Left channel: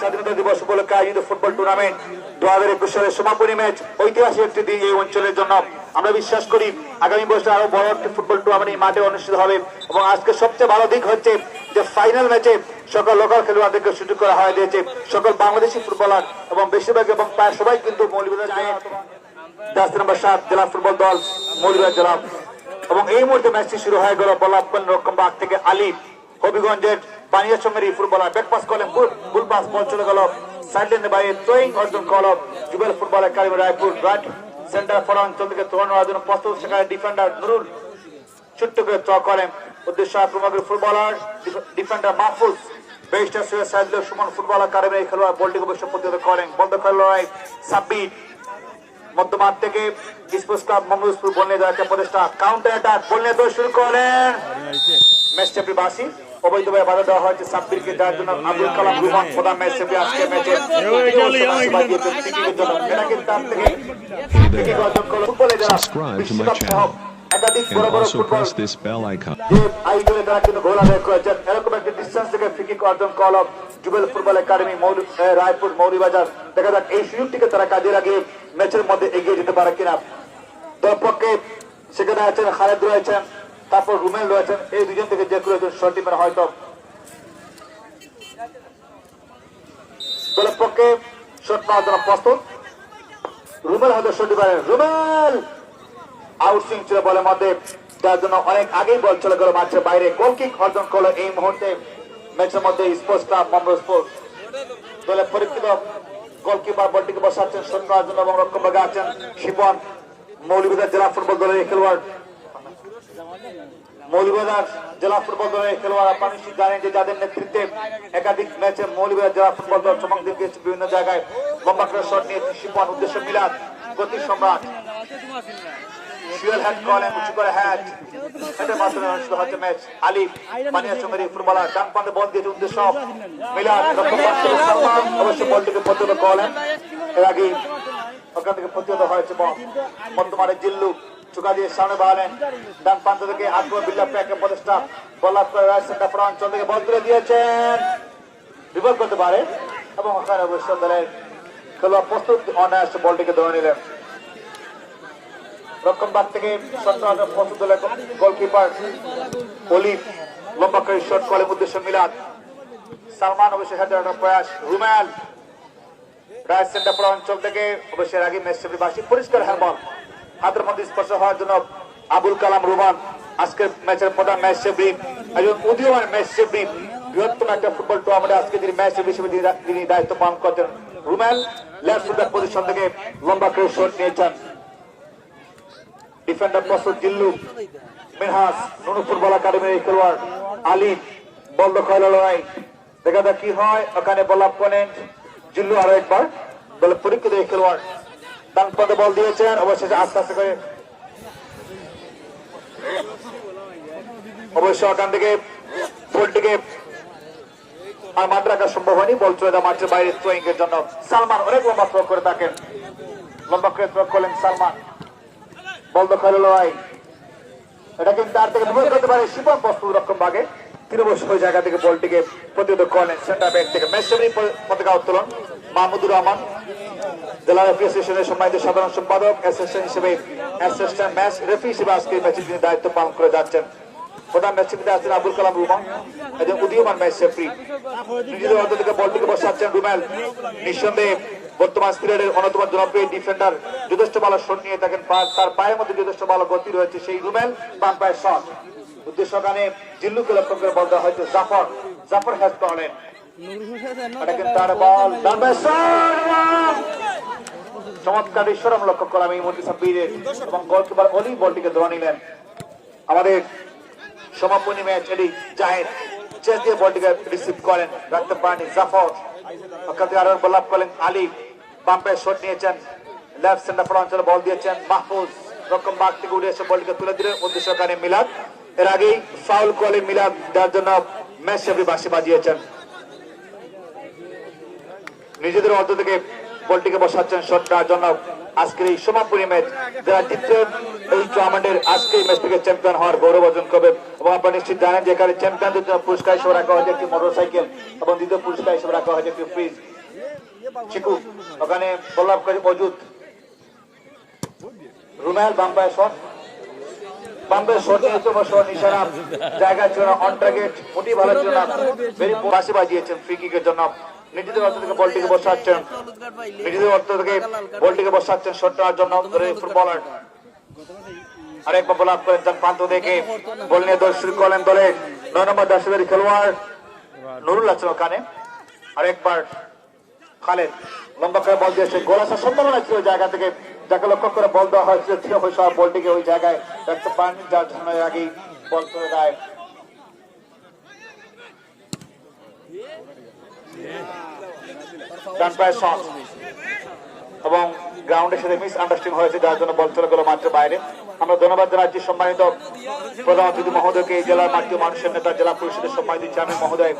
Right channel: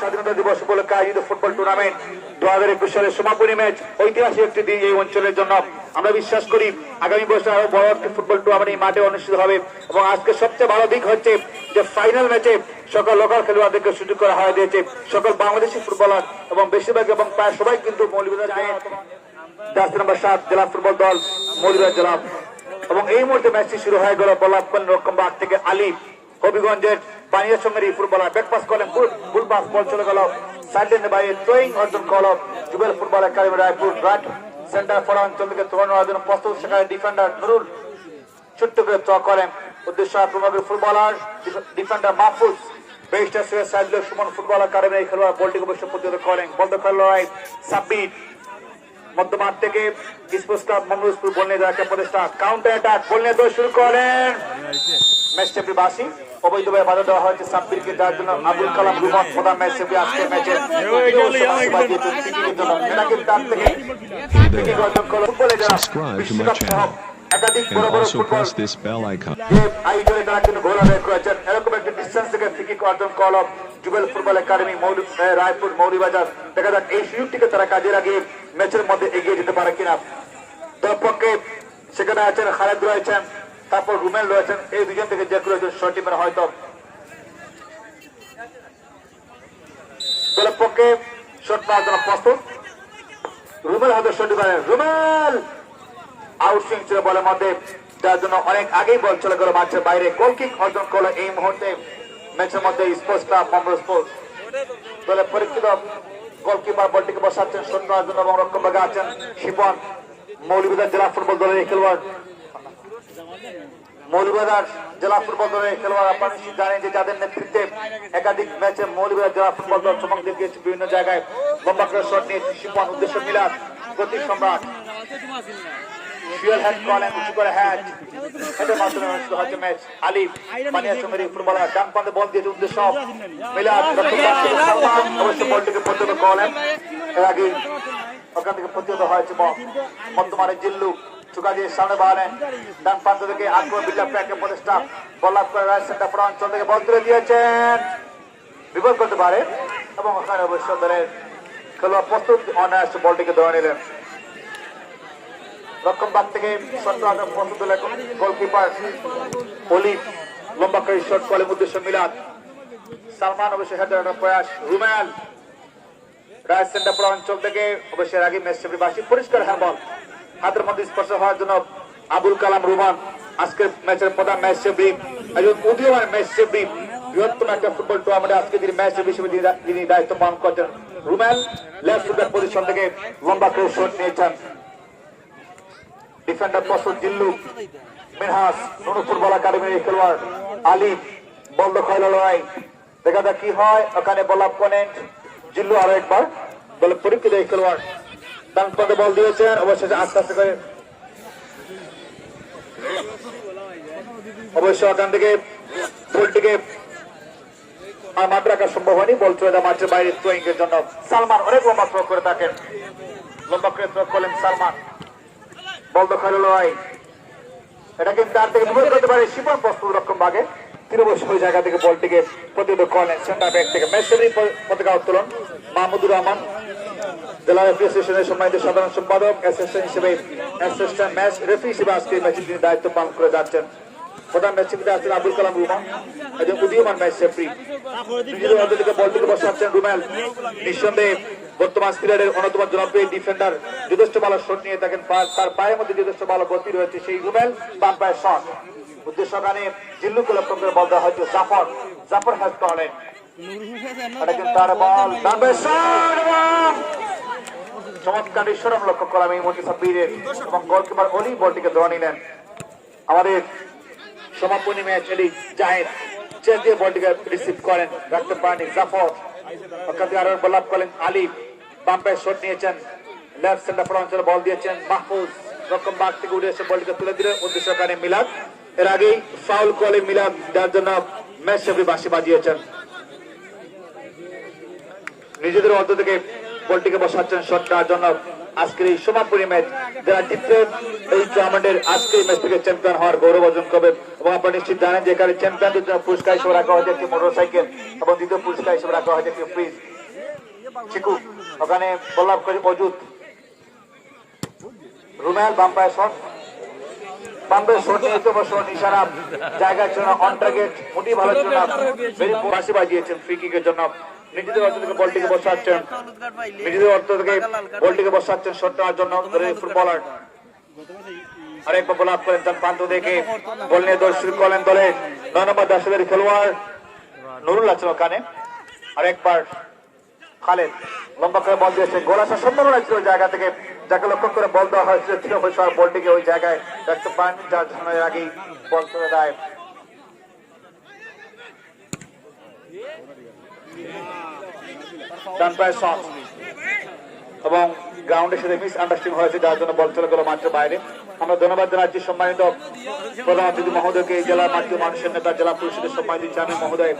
স্বাধীনতা দিবস উপলক্ষে আয়োজিত ফুটবল টুর্নামেন্ট 2021 সালের সমাপনী ম্যাচ ঐতিহাসিক একটি দিন এই অঞ্চলের জন্য। আমরা বিশ্বাস করি আগামী বছর আরো বড় একটি ফুটবল টুর্নামেন্ট এই মাঠে অনুষ্ঠিত হবে এবং আজকে সবচেয়ে ভালো দিক হচ্ছে যে ফাইনাল ম্যাচে সকল লোকাল খেলোয়াড়দেরকে সুযোগ করা হয়ে দিয়েছে। সকল বাংলাদেশি ফুটবলার এবং বেশিরভাগ এবং প্রায় সবাই কিন্তু মৌলভীবাজার জার্সি নাম্বার 7 জেলা ফুটবল দল মৌলভীবাজার জেলা। এবং এই মুহূর্তে ম্যাচটি শুরু হয়ে গেল বল্লাভগঞ্জ রকমবাগ থেকে আলী হবিগঞ্জের বানিয়াচঙ্গের ফুটবলার ব্যাক পাস করেন ফুল পাস বল চলে গেল সাইডলাইনে বাইরে থ্রোয়িং অর্জন করলো যুগল football academy Raipur right center forward চলকে তোলানোর জন্য প্রস্তুত সেখানে ডিফেন্ডার নুরুল ছোট্ট করে থ্রো করেন উদ্দেশ্য আক্রমণের ফুটবলার ডিফেন্ডার মাহফুজ বেস্টার সুয়ে সাইডলাইন সুমন ফুটবল একাডেমি খেলোয়াড় বলটিকে অবশ্য প্রতিহত করেন বন্ধ খেলোয়াড় লড়াই সাব্বির মধ্যমাঠ থেকে স্পোর্টস ক্লাব মঙ্গলপুর বল নিয়ে যাওয়ার প্রচেষ্টা কাউন্টার অ্যাটাক বল নিয়ে শুরু করেন ম্যাচ চ্যাম্পিয়ন বাসি অবৈধভাবে বাধা দেওয়া হয়েছে সাব্বিরকে দেওয়ার জন্য আবুল কালাম রুমান প্রধান ম্যাচ চ্যাম্পিয়ন আজকের ম্যাচে Subscribe to my channel and also press this bell icon. যুগল ফুটবল একাডেমি রায়পুর মৌলভীবাজার দেখা যাক এই সুযোগটিকে তারা কাজে লাগিয়ে ম্যাচের মধ্যে এগিয়ে যেতে পারে কিনা। দল পক্ষে সেখানে আছেন খালেদ রয়েছেন, তারপর রুমেল রয়েছেন, এই দুজন থেকে যে কেউ শট টিমের হয়তো দলের পক্ষে শট পাওয়ার জন্য প্রস্তুত। রুমেল হয়তো শট টিমারে রুমেল আউটসুইং ছিল বলের মধ্যে, যার জন্য অনেক আগেই বল চলে গেল মাঠের বাইরে। গোলকিক অর্জন করলো এই মুহূর্তে ম্যাচের মধ্যে স্পোর্টস ক্লাব মঙ্গল স্পোর্টস দলের পরীক্ষিত গোলকিপার বলটিকে বসাচ্ছেন সন্ধ্যা অর্জন এবং রক্ষণভাগে আছেন শিপন মৌলভীবাজার জেলা ফুটবল দলের খেলোয়াড়। মৌলভীবাজার জেলা ফুটবল দলের খেলোয়াড় আপনারা নিশ্চিত জানেন যে যাদের নেতৃত্বে একাধিক ম্যাচে মৌলভীবাজার জেলা ফুটবল দল চমক দেখিয়েছে বিভিন্ন জায়গায়। লম্বা করে শট নিয়েছে শিপন উদ্দেশ্য মিলাদ গতি সম্রাট উঁচু করে হ্যাট এটার মাধ্যমে অনুষ্ঠিত হচ্ছে ম্যাচ। আলী বানিয়াচঙ্গের ফুটবলার ডান পান্তে বল দিয়েছে উদ্দেশ্য মিলাদ অবশ্য বলটিকে প্রতিহত করলেন। এর আগে ওখান থেকে প্রতিহত হয়েছে বর্তমানে জিল্লু চুকা দিয়ে সামনে বাড়ালেন ডান প্রান্ত থেকে আকবর বিল্লাহ প্যাকের প্রচেষ্টা বল আপ করে রাইট সেন্টার ফ্রন্ট অঞ্চল থেকে বল তুলে দিয়েছেন বিপদ করতে পারে এবং ওখানে অবশ্য দলের খেলোয়াড় প্রস্তুত অনায়াসে বলটিকে ধরে নিলেন। রক্ষণভাগ থেকে গোলকিপার অলি লম্বা করে শট করেন উদ্দেশ্য মিলাদ সালমান অবশ্য হেডার প্রয়াস রুমেল রাইট সেন্টার পুরো অঞ্চল থেকে অবশ্যই আগে ম্যাচ বাসী পরিষ্কার হ্যান্ডবল হাতের মধ্যে স্পর্শ হওয়ার জন্য আবুল কালাম রুমান আজকে ম্যাচের প্রধান ম্যাচ সেফরিক একজন উদীয়মান ম্যাচ সেফরিক বৃহত্তম একটা ফুটবল টুর্নামেন্টে আজকে তিনি ম্যাচ হিসেবে তিনি দায়িত্ব পালন করছেন। রুমেল লেফট ফুটবল পজিশন থেকে লম্বা করে শট নিয়েছেন। ডিফেন্ডার প্রস্তুত জিল্লু মিনহাস নুনু ফুটবল একাডেমির খেলোয়াড় আলী বল দখল লড়াই দেখা যাক কি হয়। ওখানে বল আপ করেন জিল্লু আরো একবার বল পরীক্ষিত এই খেলোয়াড় ডান পদে বল দিয়েছেন অবশেষে আস্তে আস্তে করে অবশ্য ওখান থেকে বলটিকে আর মাঠ রাখা সম্ভব হয়নি। বল চলে যায় মাঠের বাইরে থ্রোয়িং এর জন্য সালমান অনেক লম্বা থ্রো করে থাকেন লম্বা করে থ্রো করলেন সালমান বল দখল লড়াই এটা কিন্তু তার থেকে বিপদ করতে পারে শিপন প্রস্তুত রক্ষণ ভাগে তিনি অবশ্য ওই জায়গা থেকে বলটিকে প্রতিহত করলেন সেন্টার ব্যাক থেকে ম্যাচ পতাকা উত্তোলন মাহমুদুর রহমান জেলা রেফারি অ্যাসোসিয়েশনের সম্মানিত সাধারণ সম্পাদক অ্যাসিস্ট্যান্ট হিসেবে অ্যাসিস্ট্যান্ট ম্যাচ রেফারি হিসেবে আজকে ম্যাচে তিনি দায়িত্ব পালন করে যাচ্ছেন। প্রধান ম্যাচ রেফারি আছেন আবুল কালাম রুমান একজন উদীয়মান ম্যাচ রেফারি নিজের অর্ধ থেকে বলটিকে বসাচ্ছেন রুমেল নিঃসন্দেহে বর্তমান সিলেটের অন্যতম জনপ্রিয় ডিফেন্ডার যথেষ্ট ভালো শট নিয়ে থাকেন তার পায়ের মধ্যে যথেষ্ট ভালো গতি রয়েছে সেই রুমেল বাম পায়ের শট উদ্দেশ্য ওখানে জিল্লুকে লক্ষ্য করে বল দেওয়া হয়েছে জাফর হ্যাজ করলেন চমৎকার ঈশ্বর আমরা লক্ষ্য করলাম এই মুহূর্তে সাব্বিরের এবং গোলকিপার অলি বলটিকে ধরে নিলেন। আমাদের সমাপনী ম্যাচ এলি জাহির চেস দিয়ে বলটিকে রিসিভ করেন রাখতে পারেনি জাফর ওখান থেকে আরো বল আপ করলেন আলী বাম পায়ে শট নিয়েছেন লেফট সেন্টার ফর অঞ্চলে বল দিয়েছেন মাহফুজ রকম বাগ থেকে উঠে এসে বলটিকে তুলে দিলেন উদ্দেশ্য কারণে মিলাদ এর আগেই ফাউল করলেন মিলাদ যার জন্য ম্যাচ সবই বাঁশি বাজিয়েছেন। নিজেদের অর্ধ থেকে বলটিকে বসাচ্ছেন শট দেওয়ার জন্য আজকের এই সমাপনী ম্যাচ যারা জিতবে এই টুর্নামেন্টের আজকে এই ম্যাচ থেকে চ্যাম্পিয়ন হওয়ার গৌরব অর্জন করবে। এবং আপনারা নিশ্চিত জানেন যে এখানে চ্যাম্পিয়নদের জন্য পুরস্কার হিসেবে রাখা হয়েছে একটি মোটরসাইকেল এবং দ্বিতীয় পুরস্কার হিসেবে রাখা হয়েছে একটি ফ্রিজ। চিকু ওখানে বল্লভকারী অজুত রুমেল বাম্পায়ার শট বাম্পের শট নিতে বসে নিশানা জায়গার জন্য অন টার্গেট মোটি ভালো জন্য বাসি বাজিয়েছেন ফ্রি কিকের জন্য। নিজেদের অর্থ থেকে বলটিকে বসাচ্ছেন নিজেদের অর্থ থেকে বলটিকে বসাচ্ছেন শট নেওয়ার জন্য ফুটবলার আরেকবার বল আপ করেন প্রান্ত দেখে বল নিয়ে দৌড় শুরু করলেন দলে 9 নম্বর দাসের খেলোয়াড় নুরুল আছেন ওখানে। আরেকবার খালেদ লম্বা করে বল দিয়েছেন গোল আসার সম্ভাবনা ছিল জায়গা থেকে যাকে লক্ষ্য করে বল দেওয়া হয়েছিল বলটিকে ওই জায়গায় দেখতে পান যার সময়ের আগেই বল করে দেয়। এবং গ্রাউন্ডের সাথে মিস আন্ডারস্ট্যান্ডিং হয়েছে যার জন্য বল চলে গেল মাঠের বাইরে। আমরা ধন্যবাদ জানাচ্ছি সম্মানিত প্রধান অতিথি মহোদয়কে, এই জেলার মাঠে মানুষের নেতা জেলা পরিষদের সম্মানিত চেয়ারম্যান মহোদয়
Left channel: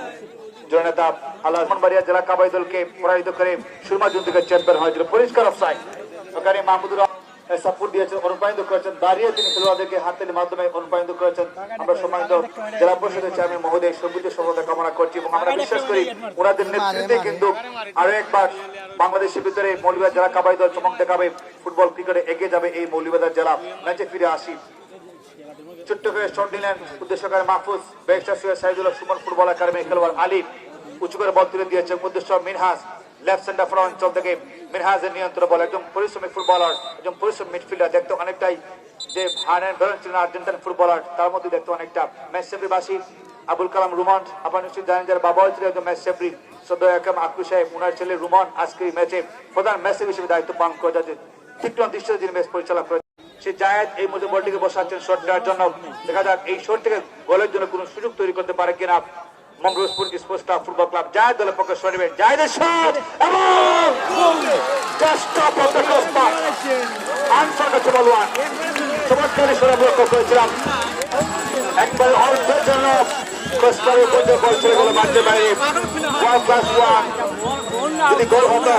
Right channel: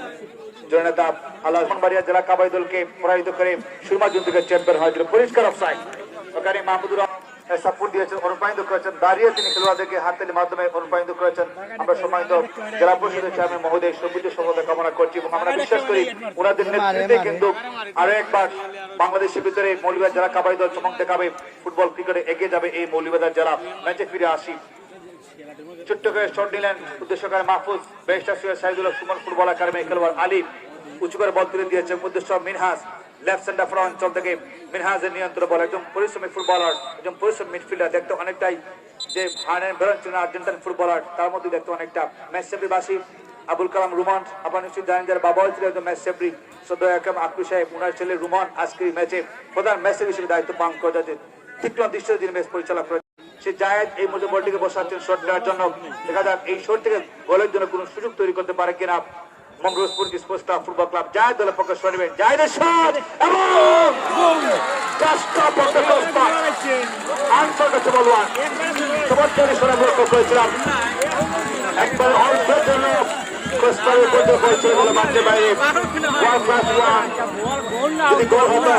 জননেতা আল্লাহ বাড়িয়া জেলা কাবাডি দলকে পরাজিত করে সুরমা জুন থেকে চ্যাম্পিয়ন হয়েছিল। পরিষ্কার অফসাইড ওখানে মাহমুদুর সাপোর্ট দিয়েছেন, অনুপ্রাণিত করেছেন, দাঁড়িয়ে তিনি খেলোয়াড়দেরকে হাতের মাধ্যমে অনুপ্রাণিত করেছেন। আমরা সম্মানিত জেলা পরিষদের চেয়ারম্যান মহোদয় সমৃদ্ধ সফলতা কামনা করছি এবং আমরা বিশ্বাস করি ওনাদের নেতৃত্বে কিন্তু আরো একবার বাংলাদেশের ভিতরে মৌলভীবাজার জেলা কাবাডি দল চমক দেখাবে, ফুটবল ক্রিকেটে এগিয়ে যাবে এই মৌলভীবাজার জেলা। ম্যাচে ফিরে আসি, ছোট্ট করে শট নিলেন উদ্দেশ্যকারী মাহফুজ, বেস্টার সাইদুল সুমন ফুটবল একাডেমি খেলোয়াড় আলিফ উঁচু করে বল তুলে দিয়েছে উদ্দেশ্য মিনহাজ লেফট সেন্টার ফর অঞ্চল থেকে মিনহাজের নিয়ন্ত্রণ বল, একজন পরিশ্রমী ফুটবলার, একজন পরিশ্রমী মিডফিল্ডার, দেখতে অনেকটাই যে আর্নেন বেরন ছিলেন আর্জেন্টাইন ফুটবলার তার মধ্যে দেখতে অনেকটা। ম্যাচ সেফরিবাসী আবুল কালাম রুমান, আপনার নিশ্চয়ই জানেন যার বাবাও ছিল একজন ম্যাচ সেফরি সদ্য একম আকু সাহেব, ওনার ছেলে রুমান আজকের এই ম্যাচে প্রধান ম্যাচ হিসেবে দায়িত্ব পালন করে যাচ্ছে, তীক্ষ্ণ দৃষ্টি দিন ম্যাচ পরিচালনা করে। সে জায়েদ এই মধ্যে বলটিকে বসাচ্ছেন শট নেওয়ার জন্য, দেখা যাক এই শট থেকে গোলের জন্য কোনো সুযোগ তৈরি করতে পারে কিনা Mangalpur sports club football club. Zayed দলের পক্ষে শট নেবেন, জায়েদের শট একবার অর্থের জন্য যদি গোল হতো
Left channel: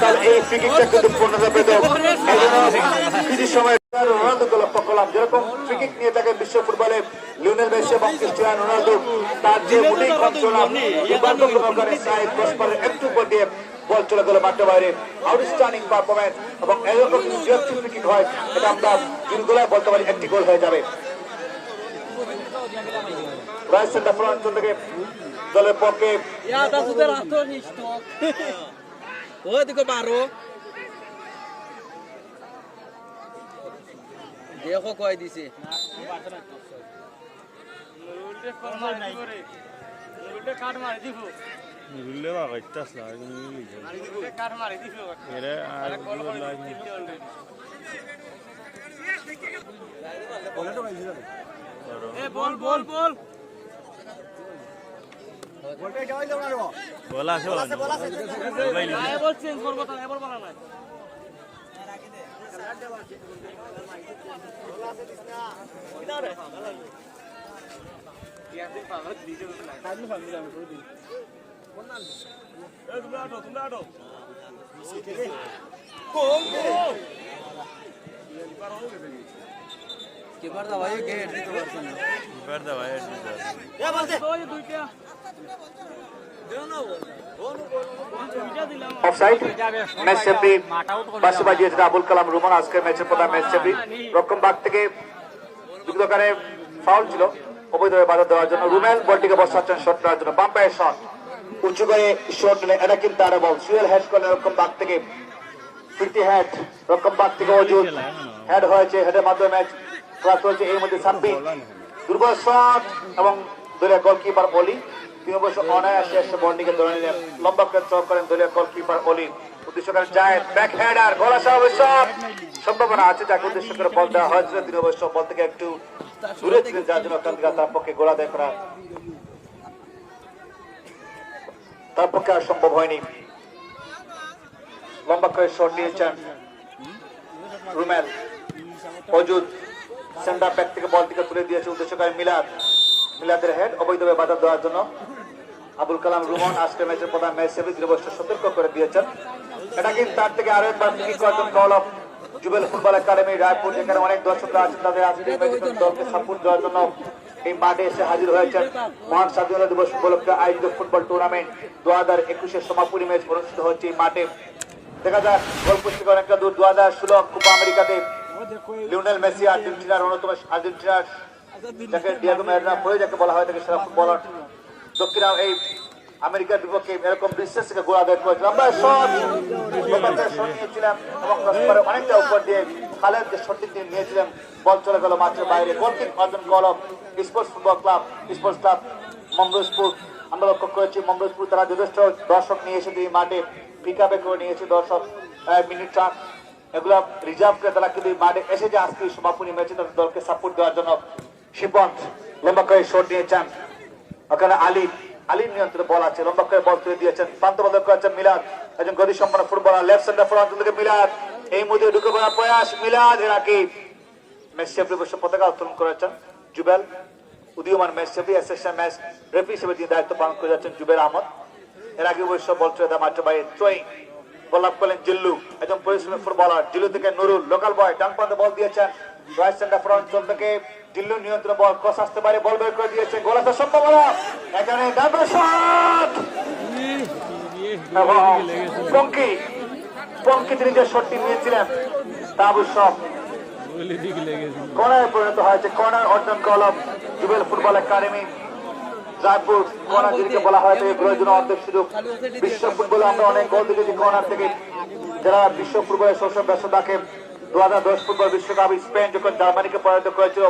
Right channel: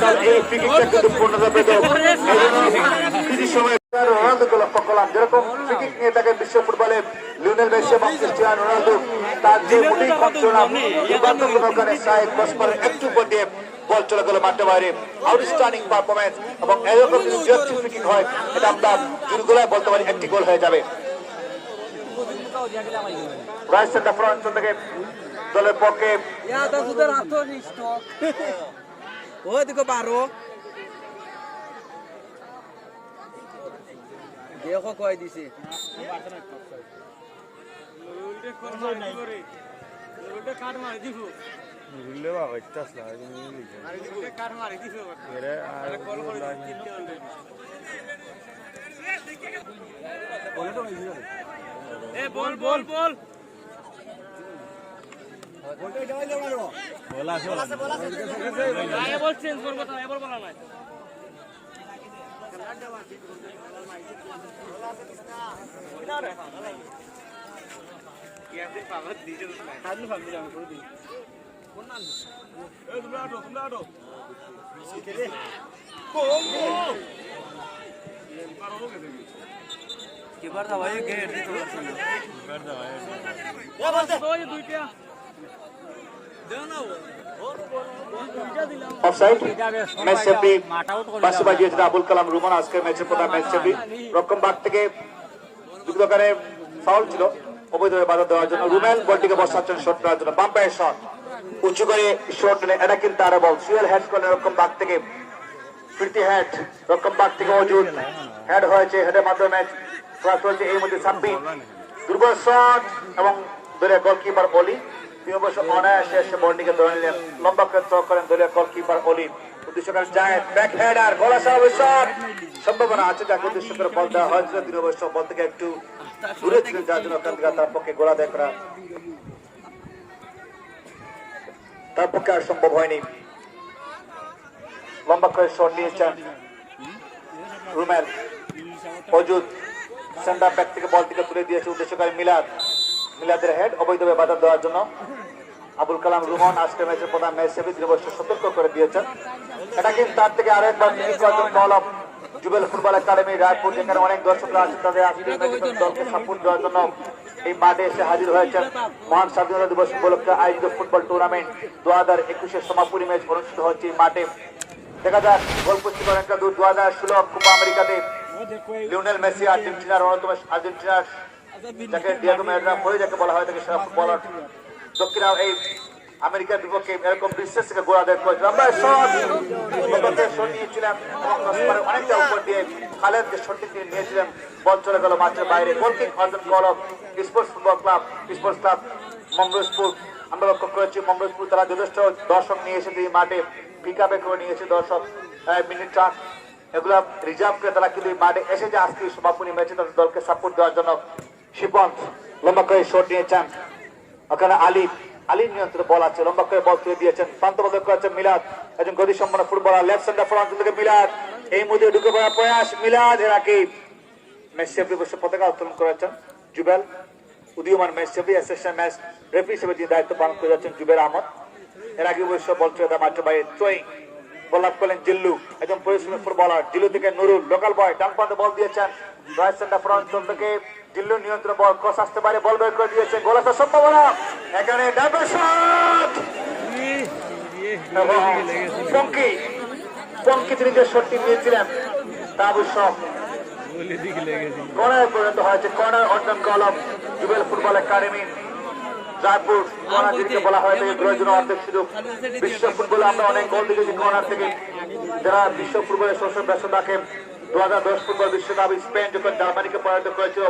তাহলে এই ফ্রি কিকটা কিন্তু পূর্ণতা পেত। সময় লক্ষ্য করলাম যেরকম ফ্রি কিক নিয়ে থাকে বিশ্ব ফুটবলে লিওনেল মেসি এবং ক্রিস্টিয়ানো রোনালদো, তার যে একটু উপর দিয়ে বল চলে গেল মাঠের বাইরে। আউটস্ট্যান্ডিং পারফরমেন্স এবং এরকম ফ্রি কিক হয় এটা আমরা দিনগুলো বলতে পারি একটি গোল হয়ে যাবে। রাইট সেন্টার ফর অঞ্চল থেকে দলের পক্ষে দেখো কয় দিছে বল বল বল বল চেঞ্জ করবো তো এবার বলা নাই। আবুল কালাম রুমান আজকের ম্যাচের প্রধান ম্যাচ সেফরি। রক্ষণ ভাগ থেকে বিগতকারে ফাউল ছিল, অবৈধভাবে বাধা দেওয়ার জন্য রুমেল বলটিকে বসাচ্ছেন শট করার জন্য। বাম্পায়ের শট উঁচু করে শট নিলে এটা কিন্তু আরো বল সুয়েল হেড করলেন রক্ষণ ভাগ থেকে, ফিরতি হেড রক্ষণ ভাগ থেকে অজুত হেড হয়েছে, হেডের মাধ্যমে ম্যাচ ক্রস হয়েছে। এর মধ্যে সাব্বির দুর্বল শট এবং দলীয় গোলকিপার অলি তিনি অবশ্য অনায়াসে এসে বলটিকে ধরে নিলেন, লম্বা করে চক করেন দলীয় গোলকিপার অলি। উদ্দেশ্যকারী জায়েদ ব্যাক হেডার গোল আসা অবশ্য সম্ভাবনা আছে, যাকে উদ্দেশ্য করে বল দেওয়া হয়েছিল তিনি অবশ্য বল থেকে একটু দূরে ছিলেন যার জন্য তার পক্ষে গোলা দেয় করা তার পক্ষে আর সম্ভব হয়নি। লম্বা করে শট নিয়েছেন রুমেল, অজুত সেন্টার ব্যাক থেকে বল থেকে তুলে দিয়েছে উদ্দেশ্যকারী মিলাদের হেড, অবৈধভাবে বাধা দেওয়ার জন্য আবুল কালাম রুমান আজকে ম্যাচের প্রধান ম্যাচ সেফরি তিনি অবশ্য সতর্ক করে দিয়েছেন। এটা কিন্তু তার থেকে আরেকবার বল of Jubel football academy Raipur যেখানে অনেক দর্শকরা আছে তাদের আজকে দলকে সাপোর্ট দেওয়ার জন্য এই মাঠে এসে হাজির হয়েছেন। মহান স্বাধীনতা দিবস উপলক্ষে আয়োজিত ফুটবল টুর্নামেন্ট 2021-এর সমাপনী ম্যাচ অনুষ্ঠিত হচ্ছে এই মাঠে। দেখা যাক গোলপোস্ট অনেকটা দূর। 2016 কোপা আমেরিকাতে লিওনেল মেসি আর্জেন্টিনার অন্যতম আর্জেন্টিনার যাকে ডিয়েগো ম্যারাডোনা হয়ে যাকে বলা হয় তাকে সেরা ফুটবলার দক্ষিণ এই আমেরিকার বিপক্ষে এরকম বিশ্বাস থেকে গোল আদায় করেছিল। আমরা শট নিয়েছিলাম এবং অনেকটা উপর দিয়ে খালেদ যে শটটি তিনি নিয়েছিলেন বল চলে গেল মাঠের বাইরে। গোলকিক অর্জন goal of sports football club sports club Mangalpur. আমরা লক্ষ্য করেছি মঙ্গলপুর তারা যথেষ্ট দর্শক নিয়ে এসেছে এই মাঠে, পিক আপে করে নিয়ে এসে দর্শক মিনিট চার্ট এগুলা রিজার্ভ করে তারা কিন্তু এই মাঠে এসেছে আজকে সমাপনী ম্যাচে তাদের দলকে সাপোর্ট দেওয়ার জন্য। শিবন্ত লম্বা করে শট নিয়েছেন, ওখানে আলীর নিয়ন্ত্রণে বল আছে, লম্বা করে বল তুলে দিয়েছেন। প্রান্তবদ্ধ করেছেন মিলাদ, একজন গতি সম্পন্ন ফুটবলার। লেফট সেন্টার ফ্রন্ট থেকে মিলাদ, এই মুহূর্তে ঢুকে পড়ার প্রয়াস মিলাদ। এর আগে ম্যাচ রেফারি বসে পতাকা উত্তোলন করেছেন জুবেল, উদীয়মান match referee assistant match referee হিসেবে তিনি দায়িত্ব পালন করে যাচ্ছেন জুবেল আহমদ। এর আগে অবশ্য বল চলে দেয় মাঠের বাইরে। থ্রোয়িং বল লাভ করলেন জিল্লু, একজন পরিশ্রমী ফুটবলার। জিল্লু থেকে নুরুল লোকাল বয় ডান প্রান্তে বল দিয়েছেন। রাইট সেন্টার ফ্রন্ট থেকে জিল্লু নিয়ন্ত্রণ বল ক্রস আসতে পারে, বল বের করে দিয়েছে। গোল আসার সম্ভাবনা এখানে ডাবল শট। পঙ্কি তিনি যে শটটি নিয়েছিলেন তা অবশ্য কর্নারে পরিণত হয়েছে। কর্নার অর্জন goal of Jubel football academy Raipur. বলা হয় অর্ধেক সুযোগ। বিশ্ব ফুটবলে আমরা অনেক গোল দেখেছি কর্নার থেকে, যারা বিশ্ব ফুটবলের শৈশব ব্যস্ত থাকেন। 2010 ফুটবল বিশ্বকাপ স্পেন যখন জার্মানিকে পরাজিত করেছিল,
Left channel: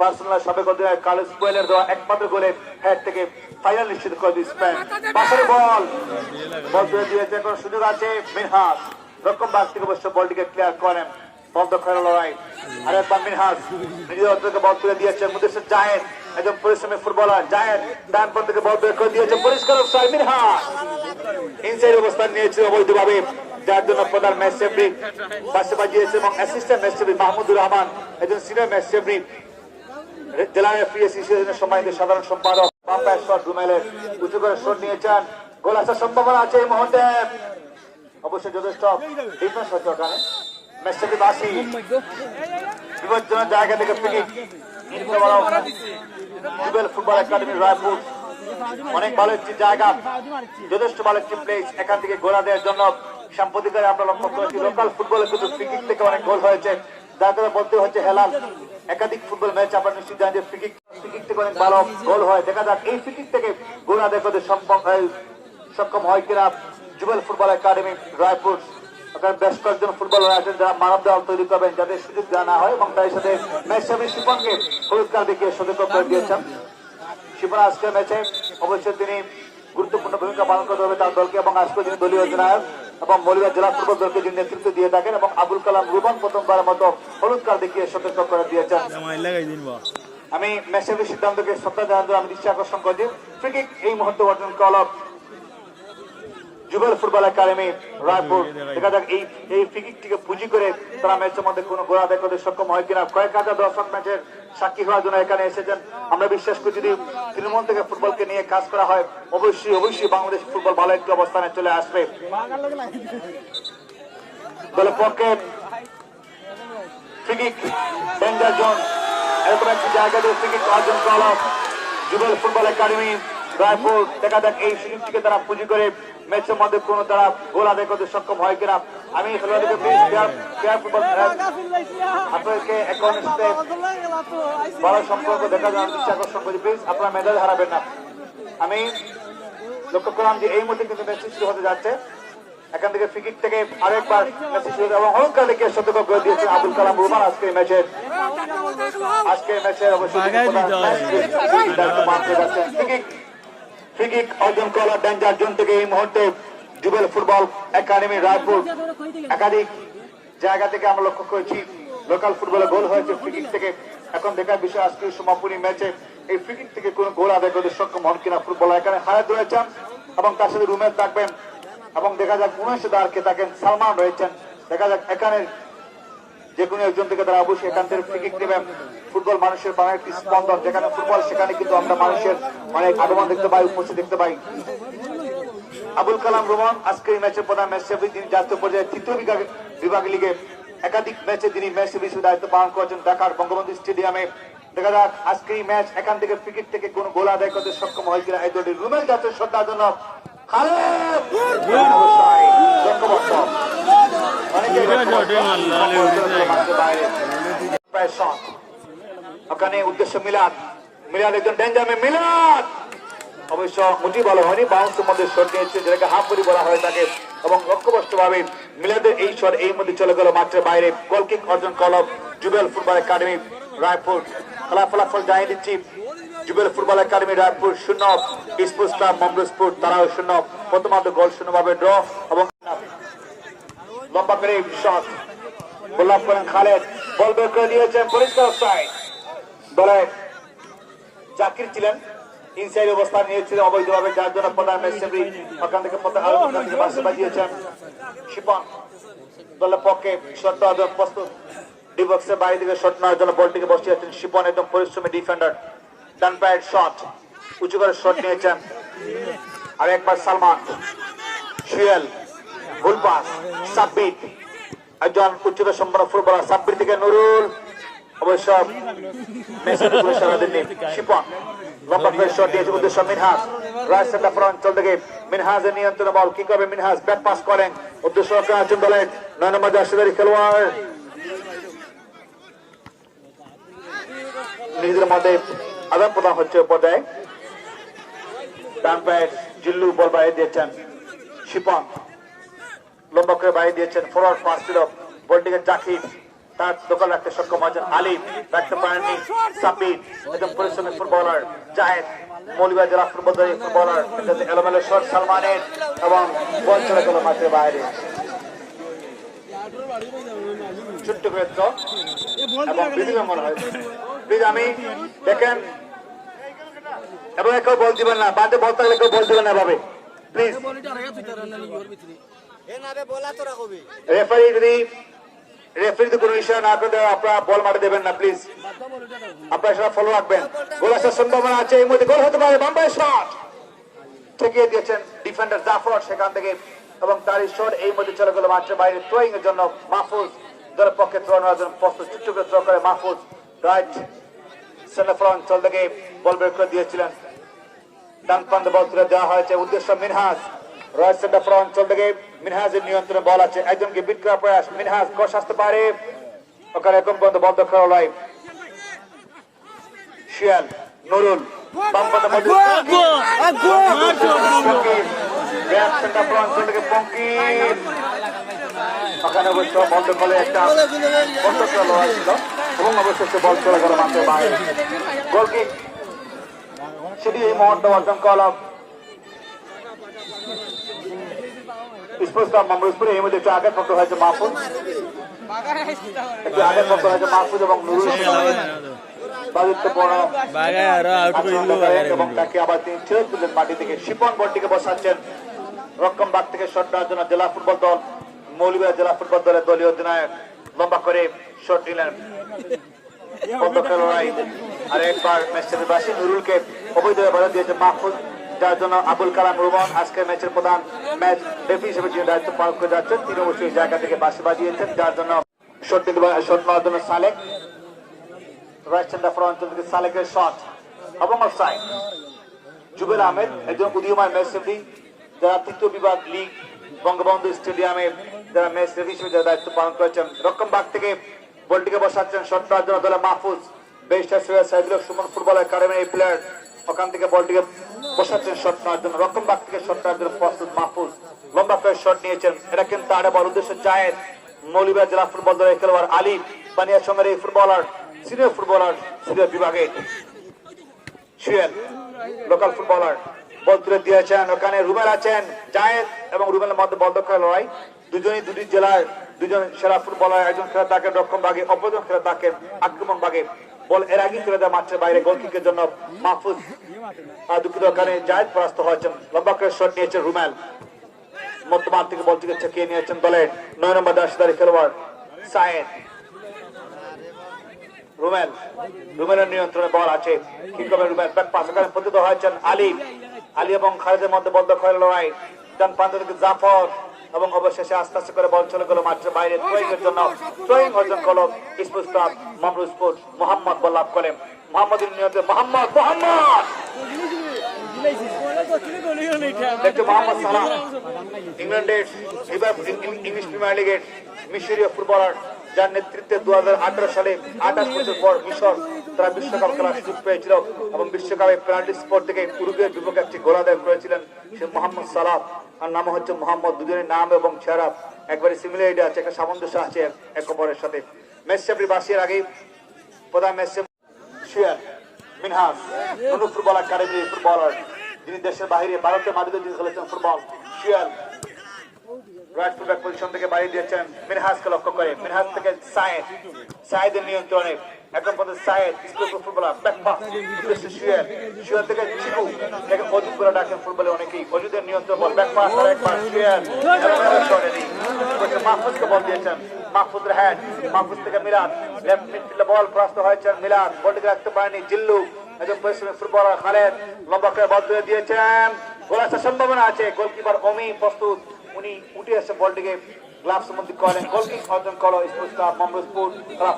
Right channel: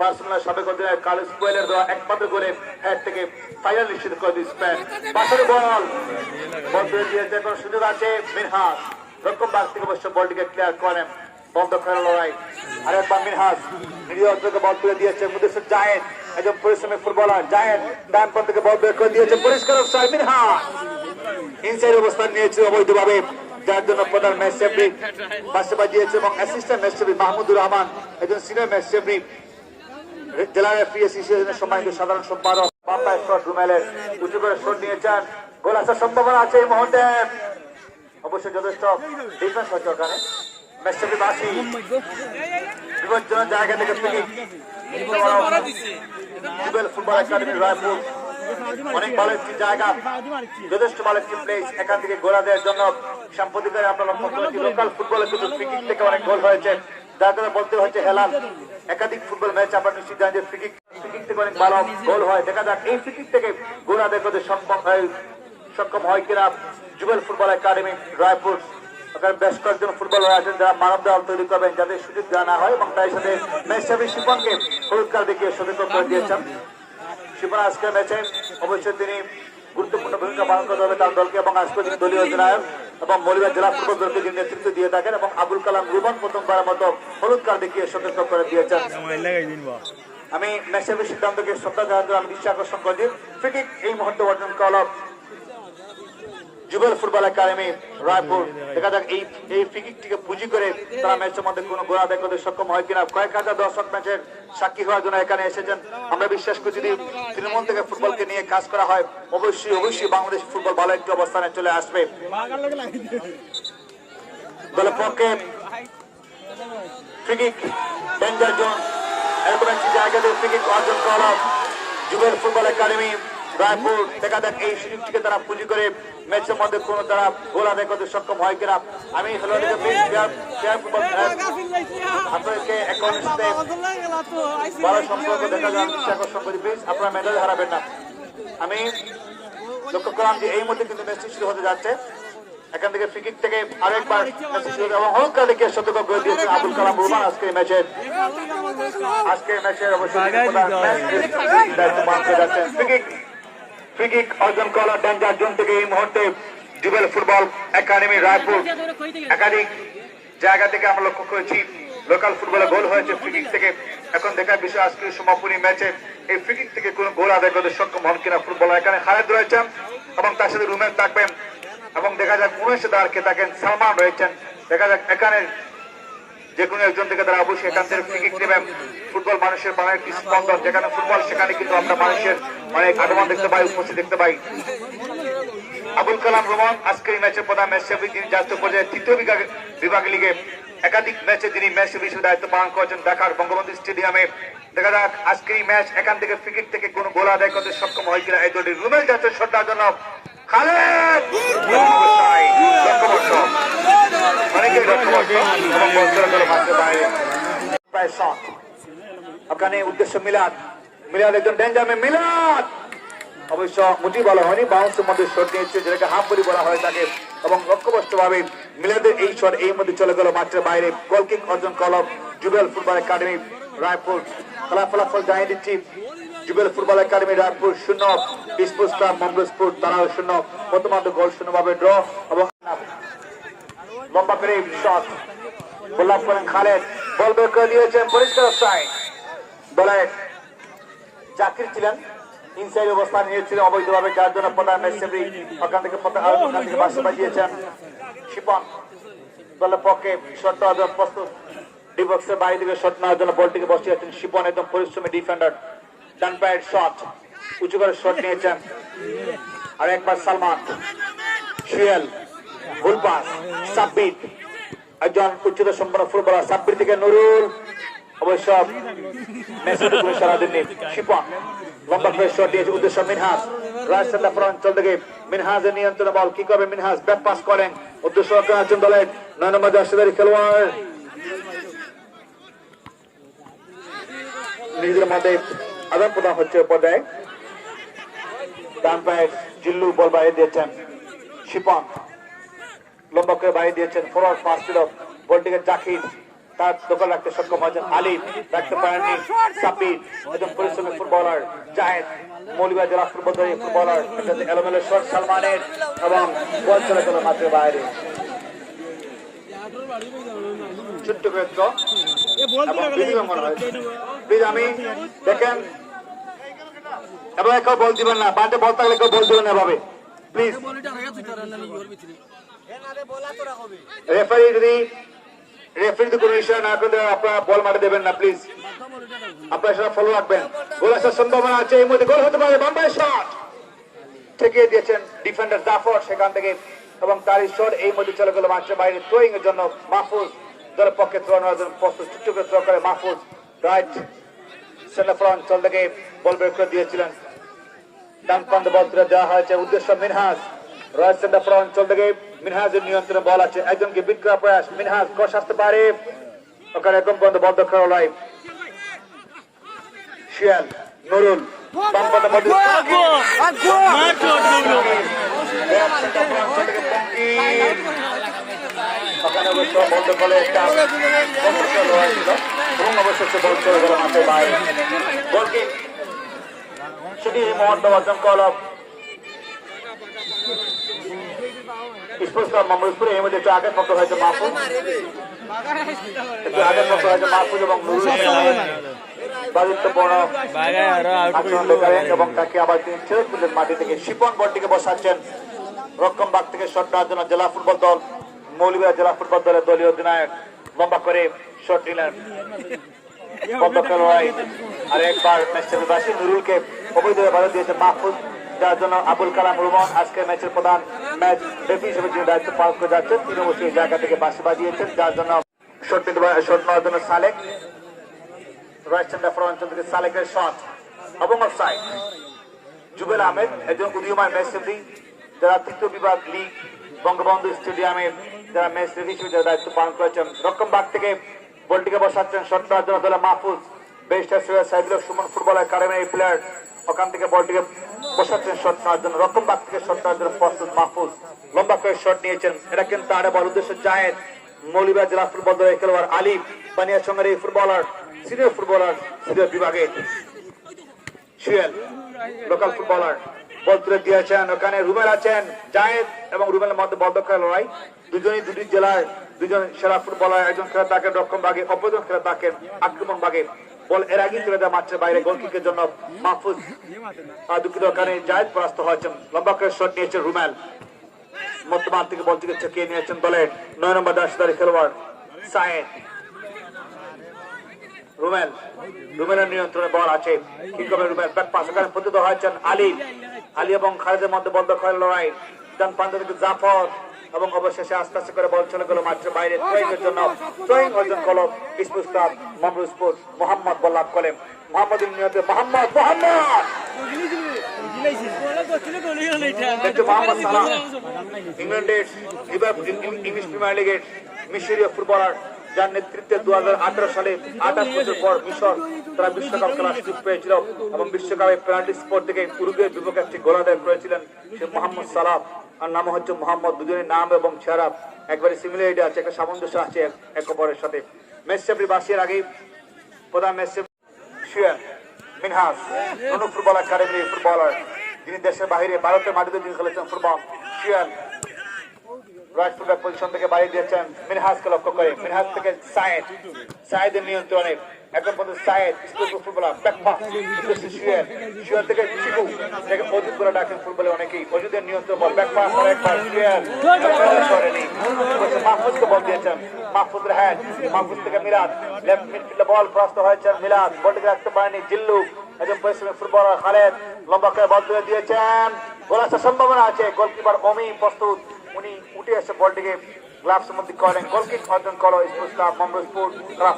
বার্সেলোনার সাবেক অধিনায়ক কার্লোস পুয়েলের দেওয়া একমাত্র গোলে হ্যাট থেকে ফাইনাল নিশ্চিত করে স্পেন। পাশের বল তুলে দিয়েছে, এখন সুযোগ আছে মিনহাজ। রকম বাগ থেকে অবশ্য বলটিকে ক্লিয়ার করেন, বল দখলের লড়াই। আরেকবার মিনহাজ নিজের অর্থকে বল তুলে দিয়েছে। মুদেশির জায়েদ, একজন পরিশ্রমী ফুটবলার। জায়েদ ডান পথ থেকে বল বের করে দিয়েছে, পরিষ্কার অফসাইড। মিনহাজ ইনসাইড অবস্থান নিয়েছে অবৈধভাবে, যার জন্য প্রধান ম্যাচ রেফারি পাশে বাজিয়েছে এবং assistant match referee Mahmudur Rahman, একজন সিনিয়র ম্যাচ রেফারি জেলা রেফারি অ্যাসোসিয়েশনের সম্মানিত সাধারণ সম্পাদক। বাম্পায়ার শট রুমেলের উঁচু করে শট নিয়েছেন, গোল আসার সম্ভাবনা আছে এই মুহূর্তে। অবশ্যই যথেষ্ট ডিফেন্স হচ্ছে ওখানে। ম্যাচ রেফারি বাসি বিপজ্জনক জায়গা থেকে যুবেল ফুটবল একাডেমি রায়পুর অনেক ভালো একটি জায়গা, যথেষ্ট ভালো একটি প্লেস। এখান থেকে গোলা দেওয়ার জন্য সাম্প্রতিককালে আমরা লক্ষ্য করেছি লোকাল ফুটবলে কিন্তু ফ্রি কিক থেকে অনেক গোল হয়েছে, যার জন্য বলতে হচ্ছে হেলাল। একাধিক ফুটবল ম্যাচ আমরা নিশ্চিত জানি যে ফ্রি কিক থেকে অনেক ভালো গোল হয়। দেখা যাক এই ফ্রি কিক থেকে গোল আদায় করতে সক্ষম হয় কিনা যুবেল ফুটবল একাডেমি রায়পুর। বেশ কয়েকজন ফুটবলার আছেন যারা মানব দেওয়াল তৈরি করবেন, যাদের সুযোগ দেওয়া না হয় এবং তার সাথে ম্যাচ রেফারি শিপনকে পুরস্কার দেখিয়ে সচেতন করে দিয়েছেন। শিপন আজকের ম্যাচে অবশ্যই তিনি গুরুত্বপূর্ণ ভূমিকা পালন করতে হবে তার দলকে, এবং আজকে তিনি দলীয় অধিনায়ক এবং মলিবাগ জেলা ফুটবল দলকে তিনি নেতৃত্ব দিয়ে থাকেন এবং আবুল কালাম রুবন প্রথমবারের মতো হলুদ কার্ড দেখিয়ে সচেতন করে দিয়েছেন। আমি ম্যাচ রেফারির সিদ্ধান্তকে শ্রদ্ধা জানাতে আমি দৃষ্টি আকর্ষণ করছি। ফ্রি কিক এই মুহূর্তে অর্জন কল অফ যুবেল ফুটবল একাডেমি রায়পুর। দেখা যাক এই ফ্রি কিকটিকে পুঁজি করে তারা ম্যাচের মধ্যে কোনো গোল আদায় করতে সক্ষম হয় কিনা। কয়েক হাজার দর্শক ম্যাচের সাক্ষী হওয়ার জন্য এখানে এসেছেন। আমরা বিশ্বাস করি যদি তৃণমূল থেকে ফুটবলকে নিয়ে কাজ করা হয় অবশ্যই বাংলাদেশ ফুটবল ভালো একটি অবস্থানে চলে আসবে। দলের পক্ষে ফ্রি কিক ডেঞ্জার জোন, এরকম একটি জায়গাতে ফ্রি কিক অর্জন করা যুবেল ফুটবল একাডেমি রায়পুর। দেখা যাক এই সুযোগটিকে তারা পুঁজি করে ম্যাচের মধ্যে কোন তারা গোল আদায় করতে সক্ষম হয় কিনা। আমি আপনাদেরকে ভালো সম্পর্ক দেখা যায় আকর্ষণ করি, প্লিজ আপনারা মেডাল হারাবেন না। আমি লক্ষ্য করলাম যে এই মুহূর্তে কিন্তু ম্যাচটি শুরু হতে যাচ্ছে। এখান থেকে ফ্রি কিক থেকে আরেকবার এবং হলুদ কার্ড দেখিয়ে সতর্ক করে দিয়েছে আবুল কালাম রুমান। আজকে ম্যাচের অবশ্যই ফ্রি কিক অর্জন করা ডেঞ্জার জোন থেকে এই মুহূর্তে যুবেল ফুটবল একাডেমি রায়পুর। একাধিক জায়গা থেকে আমরা লক্ষ্য করেছি লোকাল ফুটবলে গোল হয়েছে ফ্রি কিক থেকে। এখন দেখার বিষয় আজকে সমাপনী ম্যাচে এই ফ্রি কিক থেকে কোন গোল আদায় করতে সক্ষম হন কিনা ফুটবলার। এখানে খালেদ রয়েছেন এবং তার সাথে রুমেল থাকবেন এবং দেখা যাক 19 দাঁড়কে থাকেন সালমান রয়েছেন। দেখা যাক এখানে যে কোনো একজন থেকে তারা অবশ্যই এখান থেকে ফ্রি কিক নেবেন। ফুটবল মানুষের প্রাণের একটি স্পন্দন, যেখানে ফুটবল সেখানে কিন্তু আমরা মানুষের অনেক আগমন দেখতে পাই, উপস্থিত দেখতে পাই। আবুল কালাম রুমান আজকে এই ম্যাচের প্রধান ম্যাচ রেফারি, তিনি জাতীয় পর্যায়ে তৃতীয় বিভাগ লিগে একাধিক ম্যাচে যিনি ম্যাচ হিসেবে দায়িত্ব পালন করেছেন ঢাকার বঙ্গবন্ধু স্টেডিয়ামে। দেখা যাক আজকে এই ম্যাচ এখান থেকে ক্রিকেট থেকে কোন গোল আদায় করতে সক্ষম হয়েছিল এই দলটি। রুমেল যাচ্ছে শটটার জন্য, খালেদ অবশ্যই লক্ষ্যবর্ষ, অনেকেই লক্ষ্যবর্ষ এবং বল করে করে মারতে বাইরে। প্রায় শট ওখানে উদ্দেশ্য মিলাদ, মিলাদ একজন ডেঞ্জামে, মিলাদ অবশ্য মোটেই ভালো হয়নি, বাউন্সের মধ্যে শট নিয়েছে যেটাকে হাফ বলি বলা হয় তাকে, এবং লক্ষ্যবস্ত ভাবে মিলাদের এই শট এই মধ্যে চলে গেল মাঠের বাইরে। গোল কিক অর্জন করল জুবেল ফুটবল একাডেমি রায়পুর। খেলা ফলাফল জানিয়ে দিচ্ছি, Jubel football academy Raipur 0, sports club Mangalpur তারাও 0। প্রথমার্ধ গোল 0 ভাবে ড্র, এবং লম্বা করে শট গোলাপ করেন খালেদ, বল বের করে দিয়েছেন পরিষ্কার সাইড। বলে জাকির ছিলেন ইনসাইড অবস্থান নিয়েছিল অবৈধভাবে, যার জন্য প্রধান ম্যাচে ওখান থেকে বাজিয়েছেন শিপন। দলের পক্ষে শট নেওয়ার জন্য প্রস্তুত, ডিবক্সের বাইরে দিকে শট নেওয়ার জন্য বলটিকে বসিয়েছেন শিপন, একদম পরিশ্রমী ডিফেন্ডার। ডান পায়ের শট উঁচু করে শট নিয়েছেন, আর একবার সালমান শিয়াল, ভুল পাস, সাব্বির একজন উচ্চতা সম্পন্ন ফুটবলার, সাব্বির থেকে নুরুল, অবশ্য মেসেজে করে সারা দিন শিপন লম্বা করে শট দিয়েছে উদ্দেশ্য মিনহাজ। রাজশাহী অঞ্চল থেকে মিনহাজের নিয়ন্ত্রণে বল, কি করবে মিনহাজ, ব্যাক পাস করেন উদ্দেশ্য আছেন দলের 9 নম্বর জার্সিধারী খেলোয়াড়। নিজেদের মধ্যে আদান প্রদান হচ্ছে পর্যায়ে। ডান পায়ে জিল্লু বল বাইরে দিয়েছেন শিপন, লম্বা করে বাইরে দিয়েছেন, ফরওয়ার্ড পাস ছিল বলটিকে জাকির, তার দখল রাখতে সক্ষম হয়েছেন আলিফ, রাখতে পারেননি সাব্বির, একজন পরিশ্রমী ফুটবলার জাহেদ, মৌলভীবাজার জেলা ফুটবলার এলোমেলো শট সালমানের, এবং বল চলে গেল মাঠের বাইরে। ছোট্ট করে আমি দেখেন, এবং কেউ বল দিবেন না, বাদে বল থাকলে কেউ বল দিবেন না ভাবে প্লিজ। রেফারি যদি কোনো বিষয় না করে আপনারা বল মারে দেবেন না প্লিজ, আপনারা সেটা ফলো রাখবেন। গোল আসার সম্ভাবনা আছে, এই মধ্যে গোল হতে পারে। বাম্বাই শট ঠেকিয়ে দিয়েছেন ডিফেন্ডার জাফর সেখান থেকে, এবং তার শট এই মধ্যে চলে গেল মাঠের বাইরে। থ্রোয়িং এর জন্য মাহফুজ দলের পক্ষে থ্রো নেওয়ার জন্য প্রস্তুত, ছোট্ট করে থ্রো করে মাহফুজ রাইট সেন্টার অঞ্চল থেকে বল বের করে দিয়েছিলেন। ডান প্রান্তে বল তুলে দেওয়া হয়েছে উদ্দেশ্য মিনহাজ, রাইট সেন্টার অঞ্চল থেকে মিনহাজের নিয়ন্ত্রণে বল আছে, একজনকে বিট করার প্রয়াস, মিনহাজ ক্রস আসতে পারে, ওখানে একদম পর্যন্ত বদ্ধ খেলা লাইভ। শিয়াল নুরুল বাম পাতা মধ্যে অঞ্চল থেকে পঙ্কির, ওখানে অবশ্য বন্ধ করে একটা বন্ধ খেলা ছিল, এবং অবশ্যই বল চলে গেল মাঠের বাইরে। গোলটি সেটি এই মুহূর্তে অর্জন করল স্পোর্টস ক্লাব মঙ্গলপুর। এই মধ্যে একটু আগে পড়তে হয়েছে মাহফুজ, একটু আগে পড়তে হয়েছে মাহফুজ এবং এবং তাকে আবার তিনি ছেড়ে তুললেন মাটি থেকে। শিপন বলটিকে বসাচ্ছেন রক্ষম বাগ থেকে শট নেওয়ার জন্য জেলা ফুটবল দল, মৌলভীবাজার জেলা ফুটবল দলের দলীয় অধিনায়ক লম্বা করে শট নিলেন। আর একবার ম্যাচের বাসী নুরুলকে অবৈধভাবে বাধা দিয়েছে মাহফুজ, যার জন্য আবুল কালাম রুমন আজকের ম্যাচের প্রধান ম্যাচ রেফারি হিসেবে যে দায়িত্ব পালন করে যাচ্ছেন, তিনি অবশ্যই এই জায়গা থেকে বাসি বাজিয়েছেন, যার জন্য শট নেওয়ার জন্য সালেক, রাইট সেন্টার অঞ্চল থেকে সালেকের শট এবং অফসাইড। জুবেল আহমেদ একজন উদীয়মান ম্যাচ রেফারি, যারা তৃতীয় বিভাগ লিগ বঙ্গবন্ধু স্টেডিয়ামে যারা ম্যাচ রেফারি হিসেবে দায়িত্ব পালন করেছেন। রক্ষম বাগ থেকে বলটিকে বসাচ্ছেন শট নেওয়ার জন্য দলে মাহফুজ, বেস্টার সাইদুল সুমন ফুটবল একাডেমির এই প্লেয়ার, ওখান থেকে বলটিকে বসাচ্ছেন শট নেওয়ার জন্য। রক্ষম বাগ থেকে শট নেওয়ার জন্য প্রস্তুত মাহফুজ, লম্বা করে শট নিয়েছেন। এটা কিন্তু আরে বল উদ্দেশ্য জায়েদ, মৌলভীবাজার জেলা ফুটবল দলের খেলোয়াড় আলিফ, বানিয়া সঙ্গের এই ফুটবলার, সিনিয়র ফুটবলার সিনিয়র বিভাগের শিয়াল লোকাল ফুটবলার, বল তুলে দিয়েছেন। ওখানে রুমেল আছেন, জায়েদ এবং রুমেলের মধ্যে বল দখল লড়াই, দুজনই দুটি জেলায় দুজন সেরা ফুটবলার, একজন খেলে থাকেন রক্ষণ ভাগে, অপরজন খেলে থাকেন আক্রমণ ভাগে। বল এর আগে তুলে দেওয়া মাঠের বাইরে, গোল কিকের জন্য মাহফুজ দুঃখিত, ওখানে জায়েদ পরাস্ত হয়েছেন। লম্বা করে শট নিয়েছেন রুমেল, মধ্যমাঠ থেকে বল থেকে ছেকিয়ে নিয়েছেন দলের 9 নম্বর জার্সিধারী খেলোয়াড় সায়েদ। রুমেলের নিয়ন্ত্রণে বল আছে, কি করবে রুমেল, ব্যাক পাস ওখানে পতিত হয়েছেন আলী এবং খালেদের মধ্যে বল দখলের লড়াই। ডান প্রান্ত থেকে জাফর, এবং অবশেষে আস্তে আস্তে করে বল চলে গেল মাঠের বাইরে থ্রোয়িংয়ের জন্য থ্রোয়িং অর্জন করলো স্পোর্টস ক্লাব মামরুজপুর। মোহাম্মদ বল লাভ করেন মোহাম্মদের নিয়তে মোহাম্মদ দেখতে মোহাম্মদ সালাহ ইংল্যান্ডের ইংলিশ প্রিমিয়ার লিগের মিশরীয় ফুটবলার, যার নেতৃত্বে 2018 সালে 28 বছর পর মিশর তারা বিশ্বকাপ খেলার সুযোগ পেয়েছিল এবং বিশ্বকাপে পেনাল্টি স্পট থেকে উরুগুয়ের বিপক্ষে একটি গোল আদায় করেছিলেন সে মোহাম্মদ সালাহ। আর নাম হচ্ছে মোহাম্মদ। দুজনের নাম এবং চেহারা একবারে সিমিলারিটি আছে, একটা সামঞ্জস্য আছে এক অপরের সাথে। ম্যাচ রেফারি বাসির আগে প্রধান ম্যাচ শিয়ার মিনহাস ফুটবল একাডেমি ফুটবলার, যিনি দেশের বাইরে ভারতের মাটিতে যিনি খেলেছেন ফুটবল। শিয়ার রাইট ফুটব্যাক পজিশন থেকে বাড়িয়ে দিয়েছেন মিনহাজকে লক্ষ্য করে। মিনহাজ থেকে সায়েদের নিয়ন্ত্রণে এখন পর্যন্ত সায়েদ ফুটবলার ব্যাকপাস শিয়ার থেকে চিকু থেকে অজুদ করে ডাকেন ফুটবলে অনেকেই। অজুদের নিয়ন্ত্রণ বল ব্যাকপাস একবার শিয়ার সরেনি মাহফুজকে বল দিয়েছেন। মাহফুজের হ্যান্ড, মাহফুজ থেকে মিলাদ লেফট মিডফিল্ডে বল প্রস্ত হয়েছেন মিলাদ, বলটিকে রাখতে পারেনি জিল্লু। একজন পরিশ্রমী ফুটবলার খালেদ লম্বা করে বল দিয়ে দিয়েছেন, গোল আসার সম্ভাবনা আছে। গোলকিপার অমি প্রস্তুত, উনি উঠে এসে বলটিকে গ্লাভস মধ্যে করেন। গোলকিক অর্জন করলো স্পোর্টস ক্লাব মামরুজপুর।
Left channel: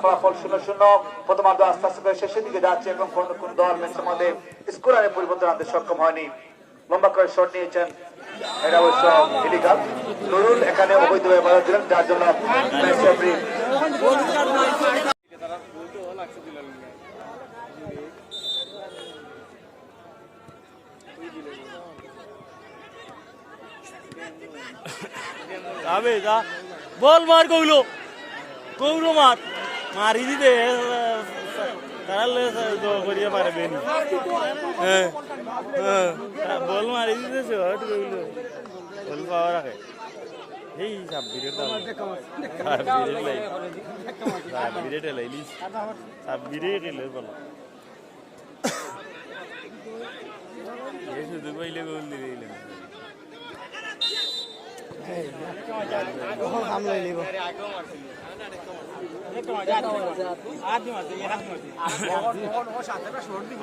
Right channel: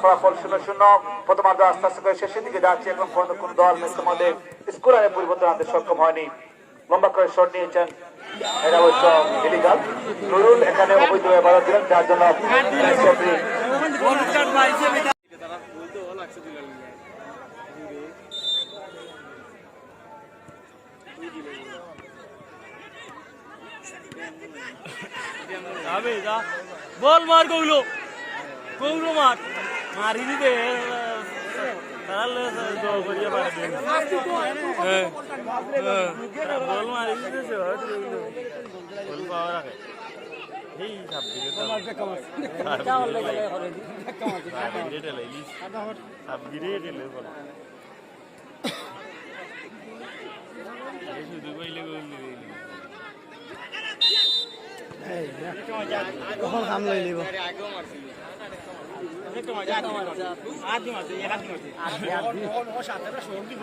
ফলাফল 0-0। প্রথমার্ধ আস্তে আস্তে করে শেষের দিকে যাচ্ছে। এখন পর্যন্ত কোন দল ম্যাচের মধ্যে স্কোরারে পরিবর্তন আনতে সক্ষম হয়নি। লম্বা করে শট নিয়েছেন, এটা অবশ্য ইলিগাল। নুরুল এখানে অবৈধভাবে বল দিলেন, যার জন্য ম্যাচ রেফারি বল মার কইলো কইলো মার মারি দিতে তাহলে করিয়ে পারবেন। বল মারি দিতেছে বল পাওয়া রাখে এই সাবগিরেটে লাইলি সাবগিরেটে লই বল শুধু কইলে গোল দিলে হাম লই লিব আদি মারতে ও সাতটা শোন দি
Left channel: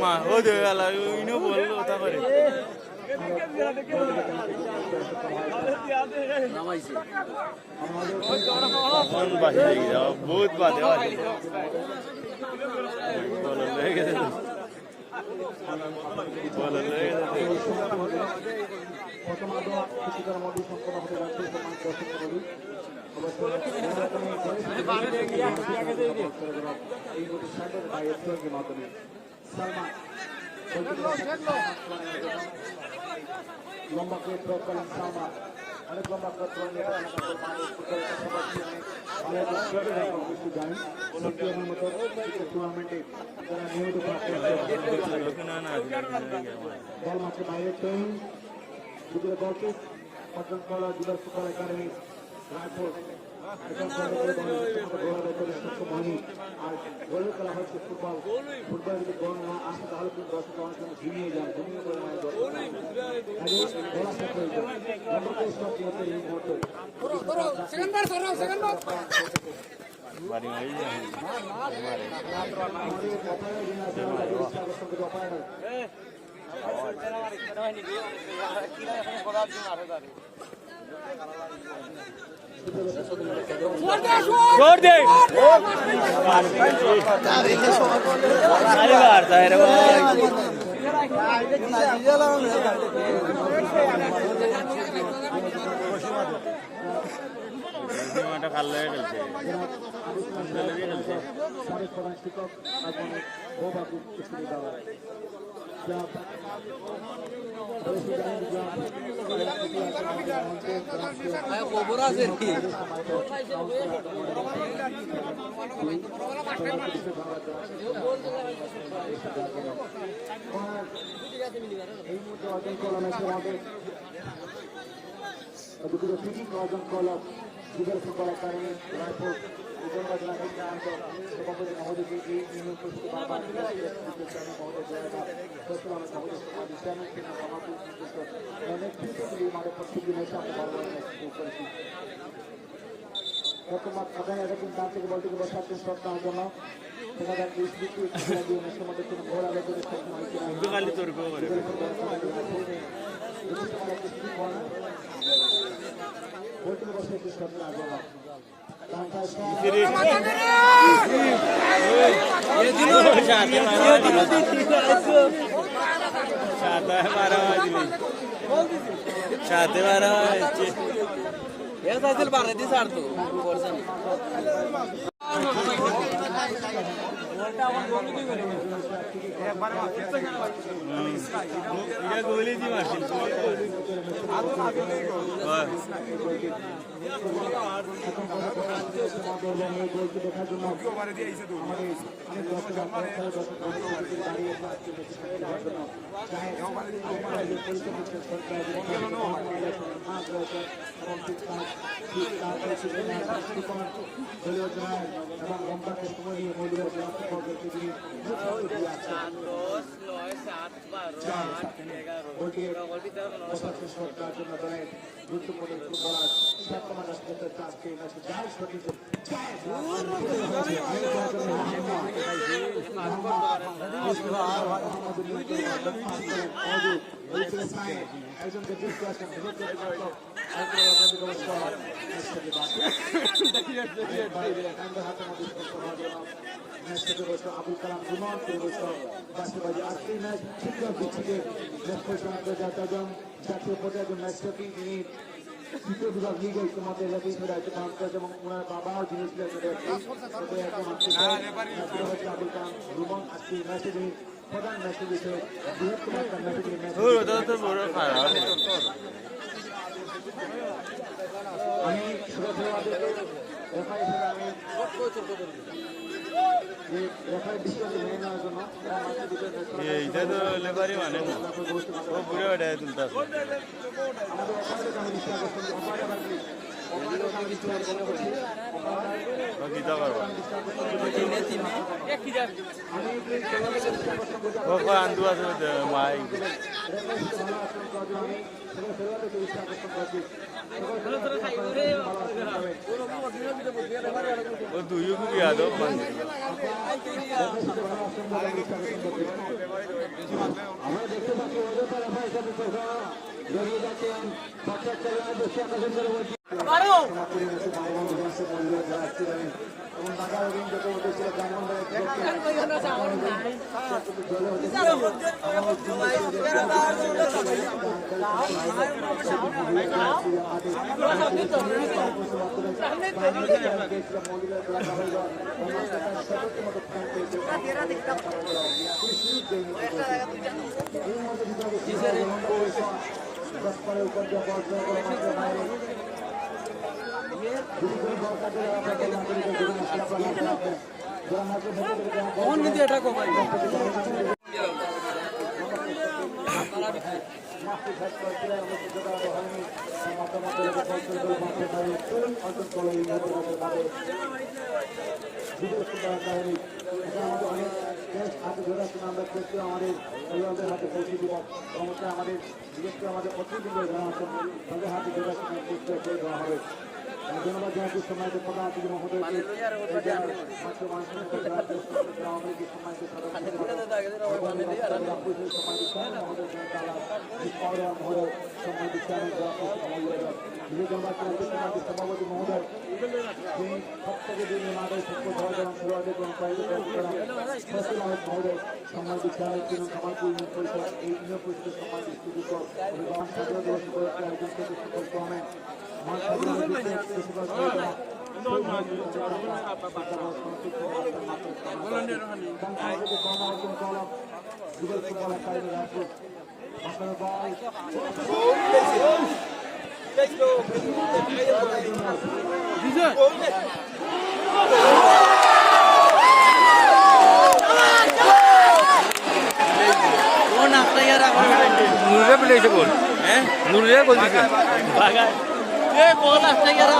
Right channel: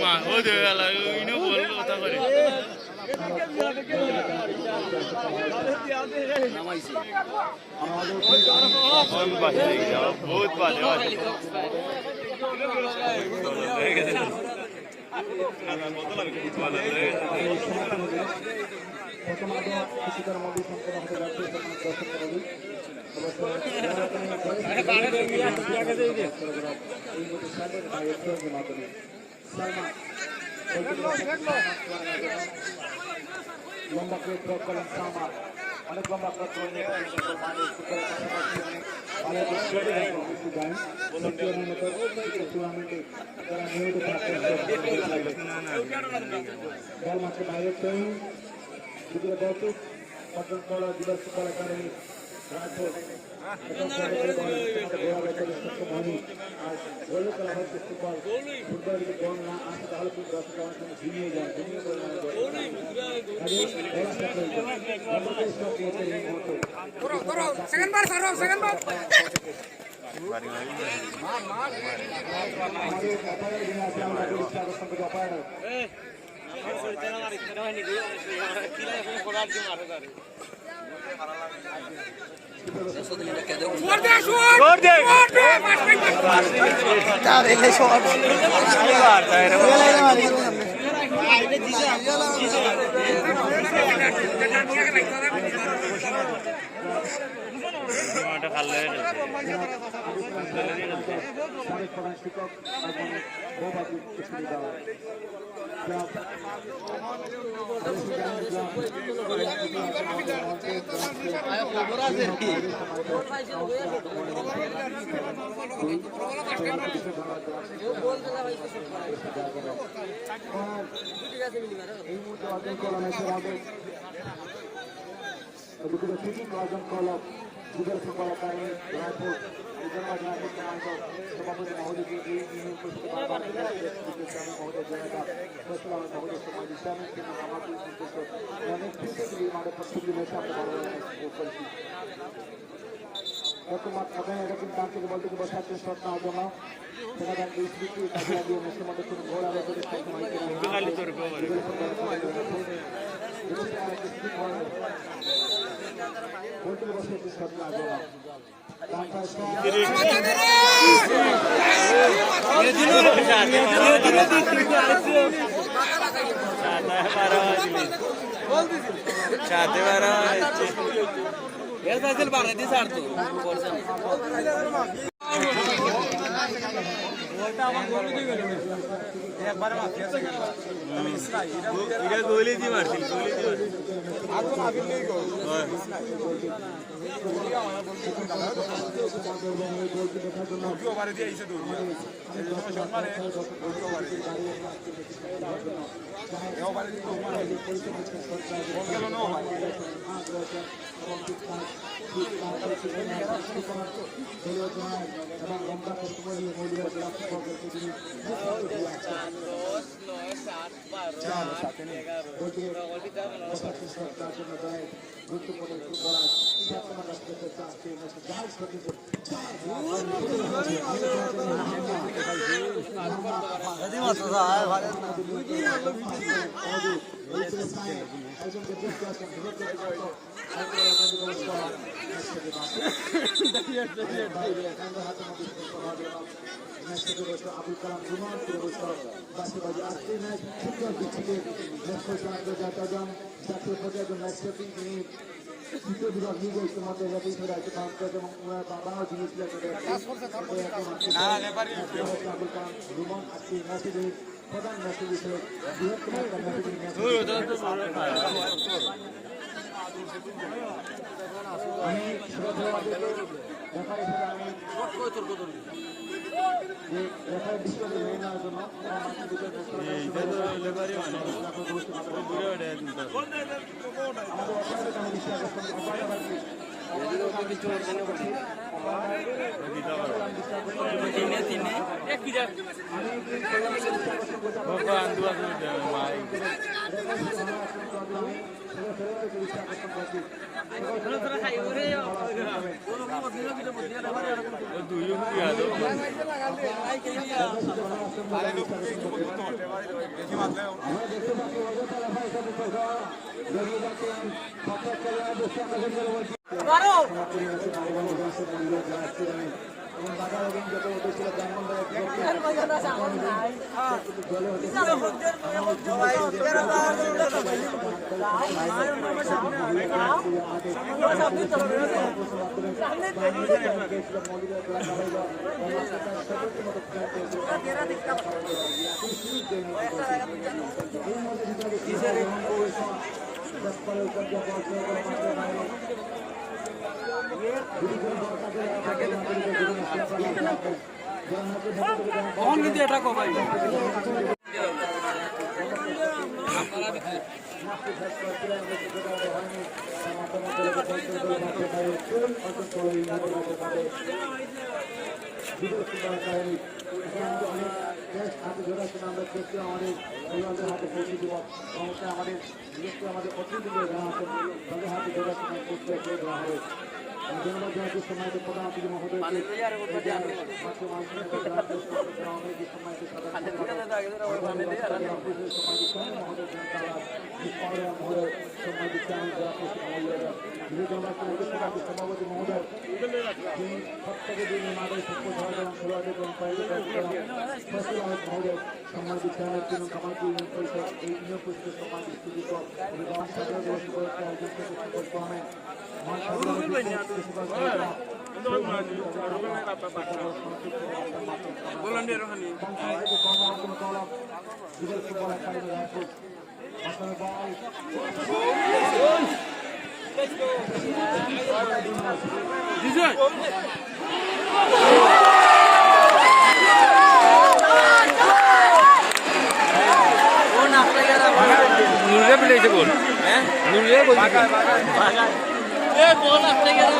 মা ও দে আলা ইনো বল ওটা করে নামাইছে কোন বাহিরে যাও বহুত বাদে লম্বা করে থ্রো করলেন সালমান অনেক লম্বা টুর্নামেন্টে তারা নিয়মিত বল মাঠে বাইরে দুপুরে গল্পিক অর্জন করা দিবস ফুটবল একাডেমি রাজপুর সক্ষম হয়নি আর গোল খেলা হচ্ছে ফুটবল ফুটবল যদি গোল না আসে তাহলে কিন্তু দর্শক অনেক সময় ঘুমিয়ে যায় ঘুমিয়ে খবর আছে কি বর্তমান আগামী এরকম দাম থেকে বলতে গেলে সাতদিন শট নেওয়ার জন্য সেখানে গোল আলোচনা আবুল কালাম রুমান জাতীয় পর্যায়ে ম্যাচ প্রতি তিনি দ্বিতীয় বিভাগ লিগে ইতিমধ্যে রেফারি দায়িত্ব পালন করেছে এবং ওনার বাবাও যিনি ছিলেন আবুল কালাম রুমান আজকে ম্যাচে প্রধান ম্যাচে বিষয়ে বৃহত্তম একটা কখন কিন্তু এটা কমাই নুরে পেলেছে গোল হ্যাঁ নুরে গোল দিছে এ গোল আসতে গেল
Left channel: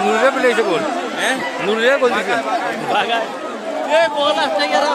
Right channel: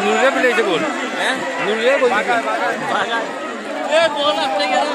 নুরে পেলেছে গোল হ্যাঁ নুরে গোল দিছে এ গোল আসতে গেল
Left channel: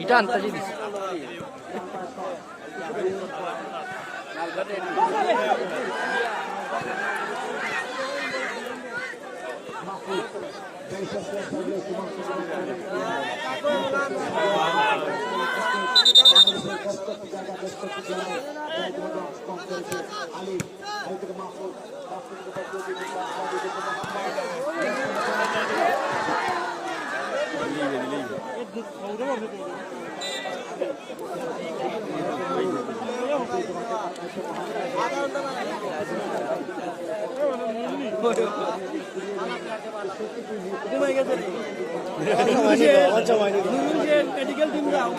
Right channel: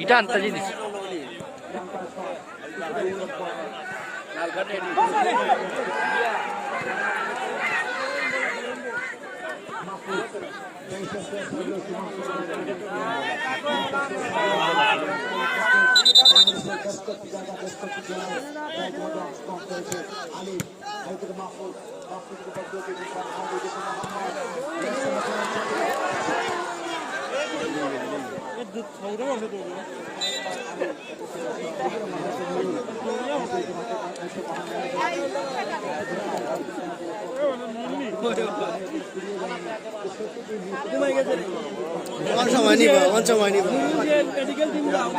এটা আনতাজি দিছে মেডিকেল টিম যাও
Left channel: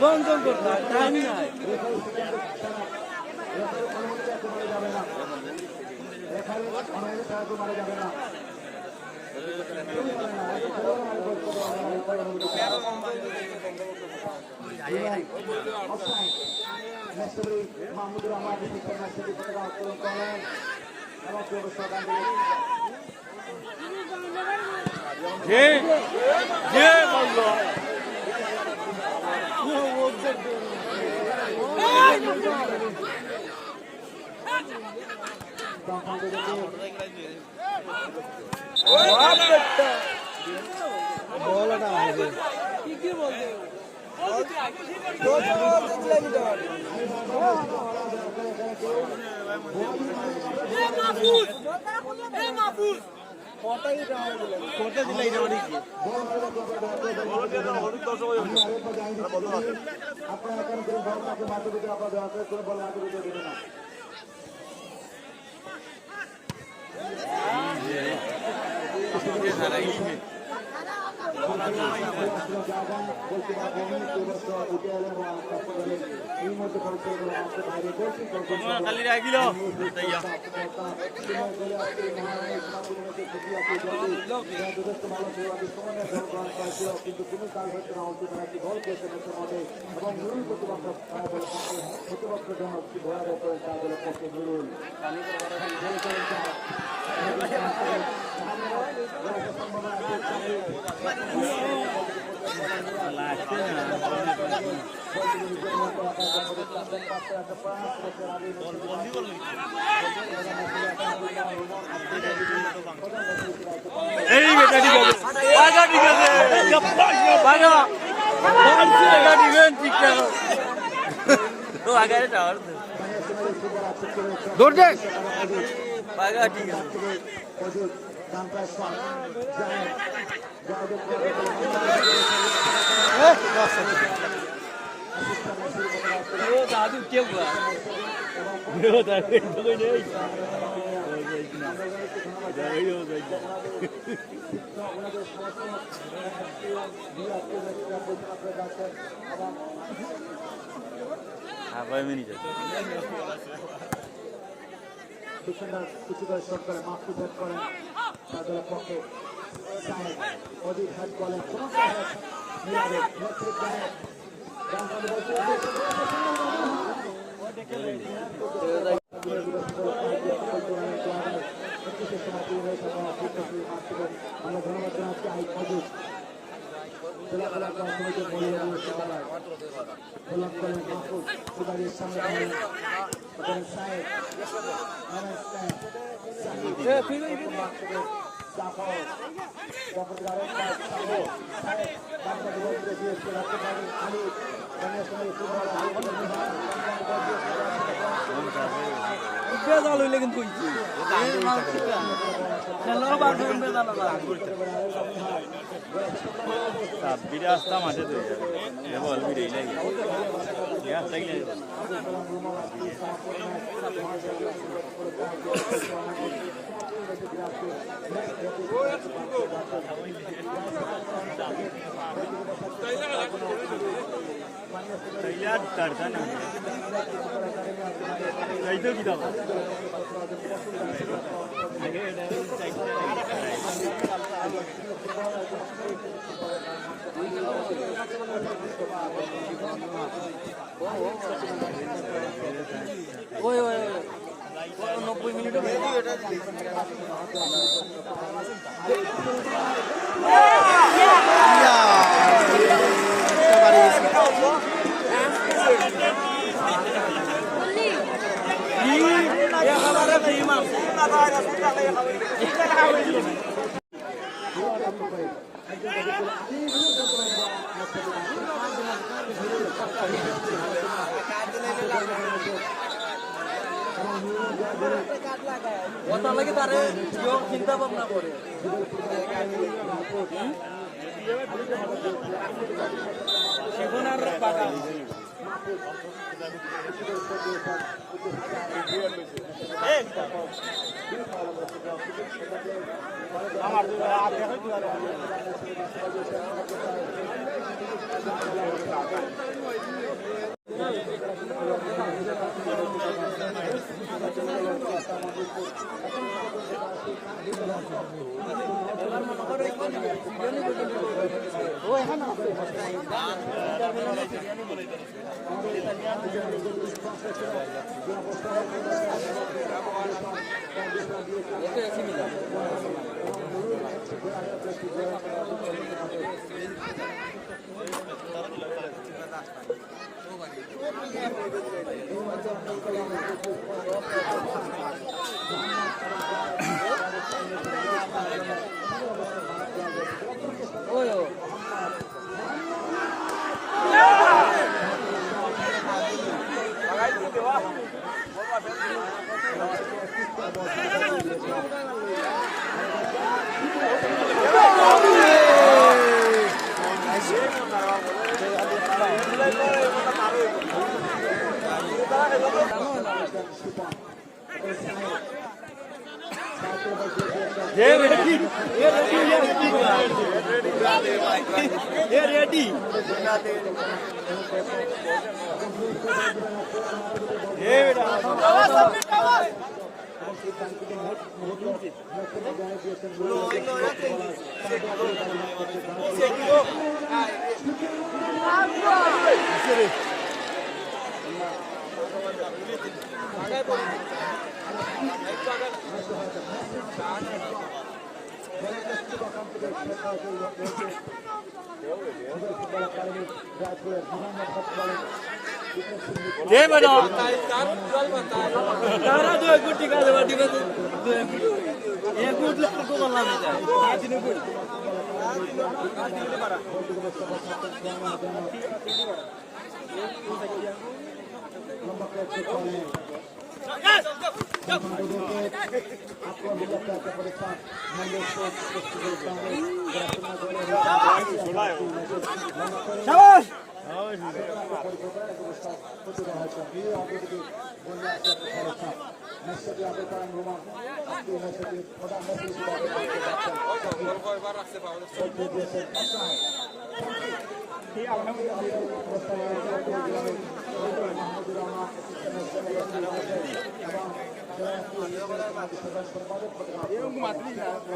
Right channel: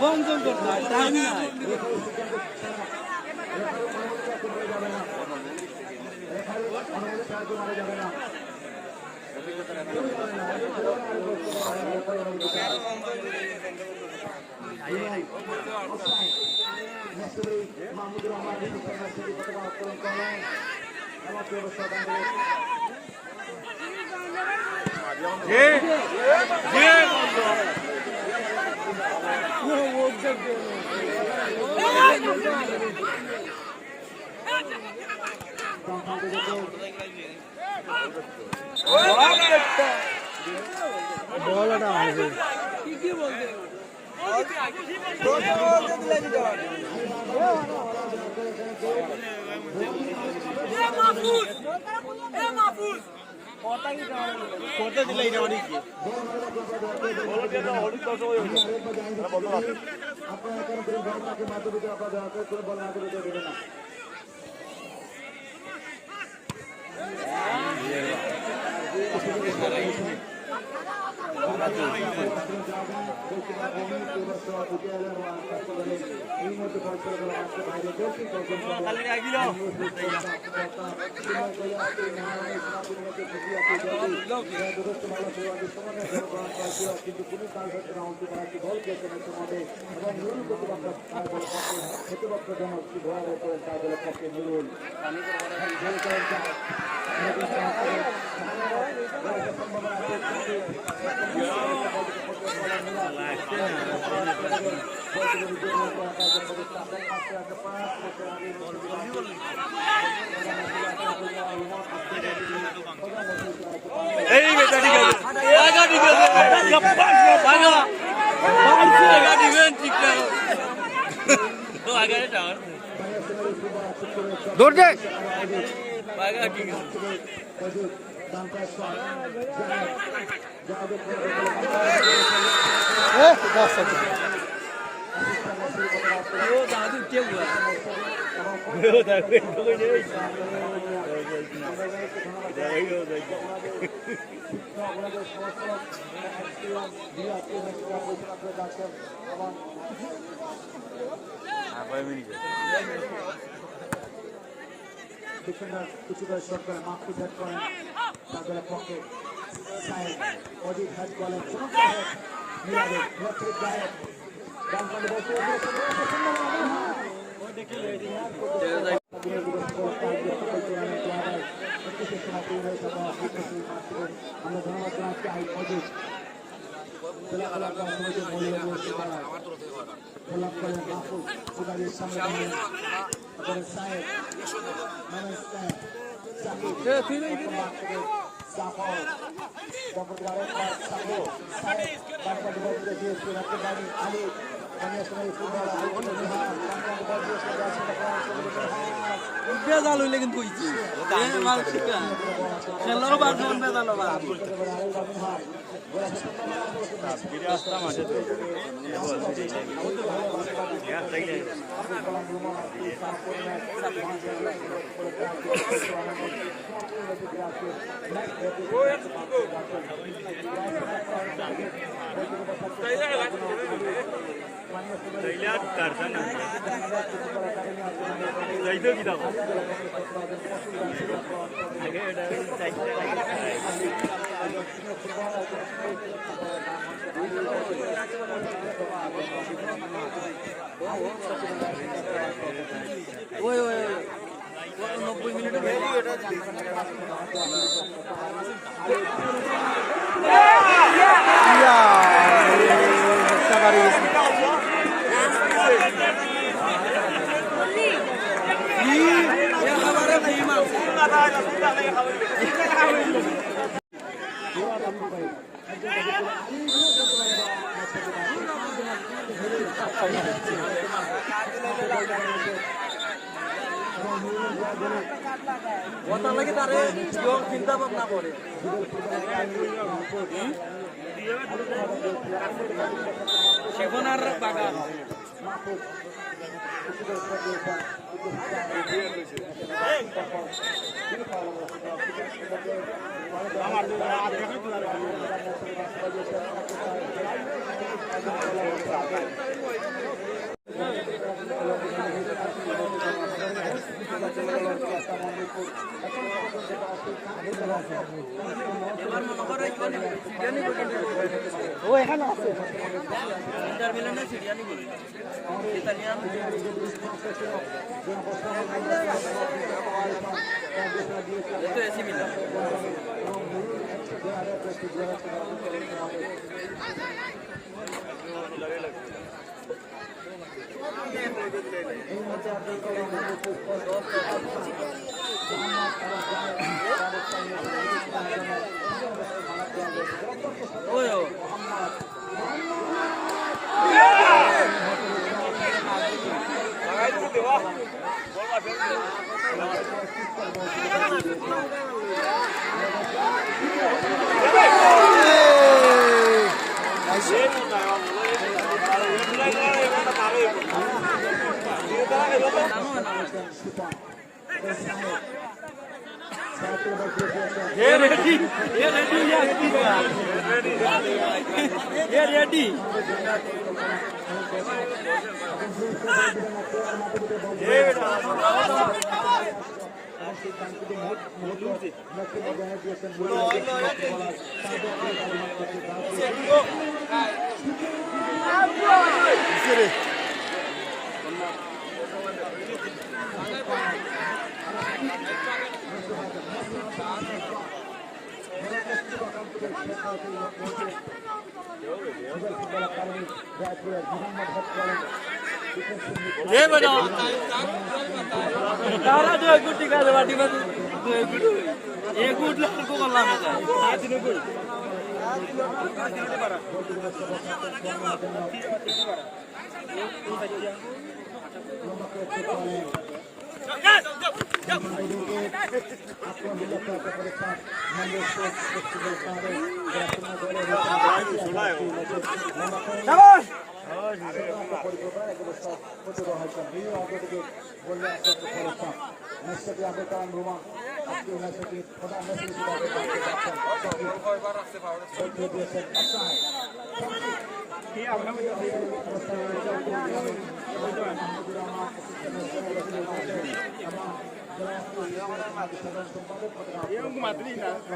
বন্ধ করতে টাইম নাই করতে দিলে এটা অনেক কি খালি রাখিল এই বেটা ঠিক আছে আগা ঠিক আছে ভাগা বাড়ছে এটা দিবেন ঠিক আছে তো আগে যাও দৌড় দে ভাগা ঠিক আছে ও বাস ও দাদু কে हुआ ও দাদু কই নেই কিছু দর্শক মাফি ভোট করেন তাদের পক্ষে অধিক হাত গেলেন আমরা ধন্যবাদ জানাচ্ছি অধিক বেজাল হইলে কিন্তু কইছি খেলাও বাজুন বেজাল না বিরে আসতা মাঝে তো এ বল বিরে লাগে ইয়ার তাইলে तैयार करता ना जाइते की दाও आगे चाइते ओए ओए 90 मिनट এটা দিলি ইয়া সবারই ওটা লাগে তারে চিন্তা ভাবনা করে সেগুনার বাগান ও এখানে আছে ইন্টারভিউনে সিরিয়ানি বলে ইতালিয়ান এতো এসি মিলা Oyo. ये रेडी रेडी तारा जो गुटी का वाटी का एक गुट लाख को बल्ला में जाए आज नो गुट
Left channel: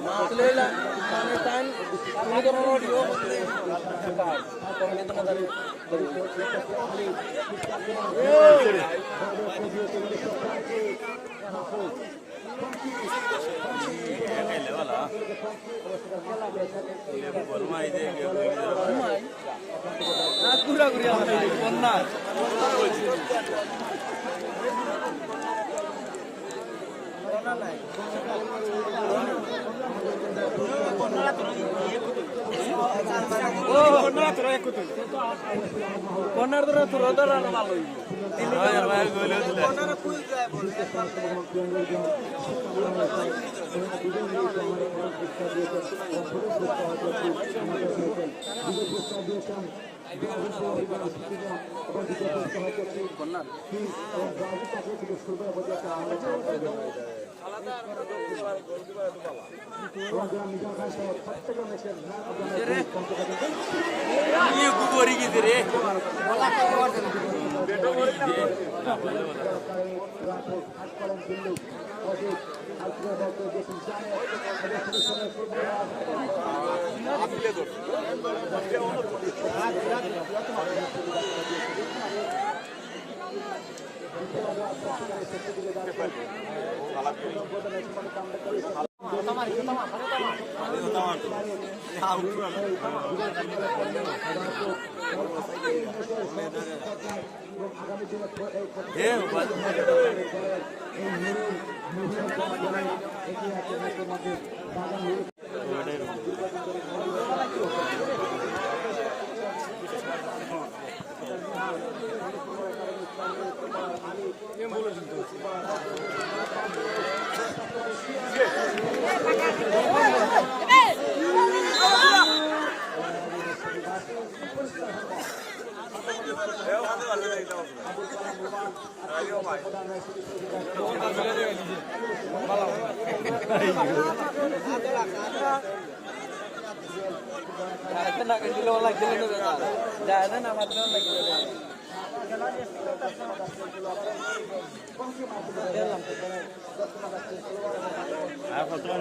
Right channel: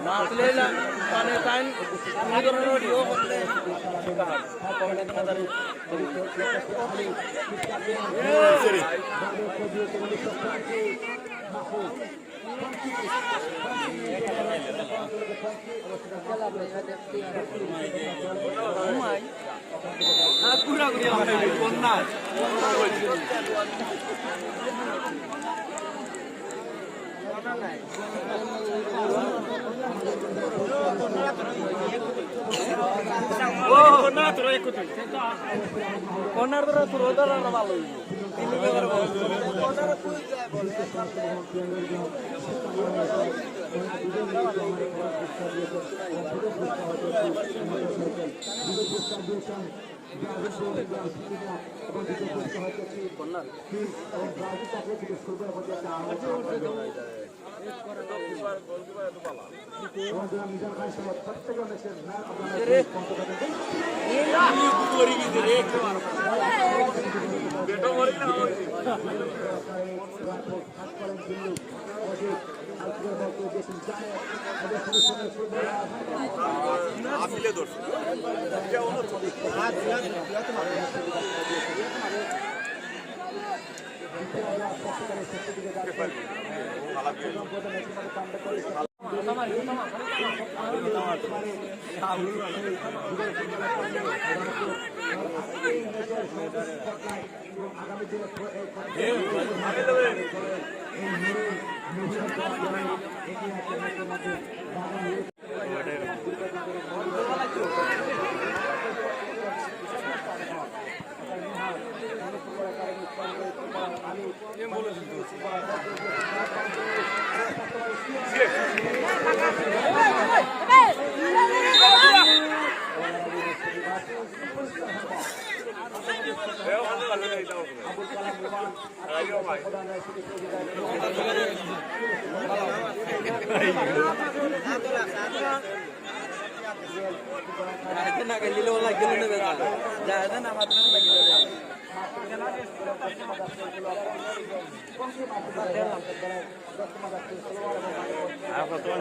मातलेला माने कान ini karena dia boleh kahar kalau kita nak dari aku dah kerja ni kona Oh, na turun ikut. Konar turun dah malu. Nak gelo lagi ni benar. Jangan nama tuan lagi. Aku tuan.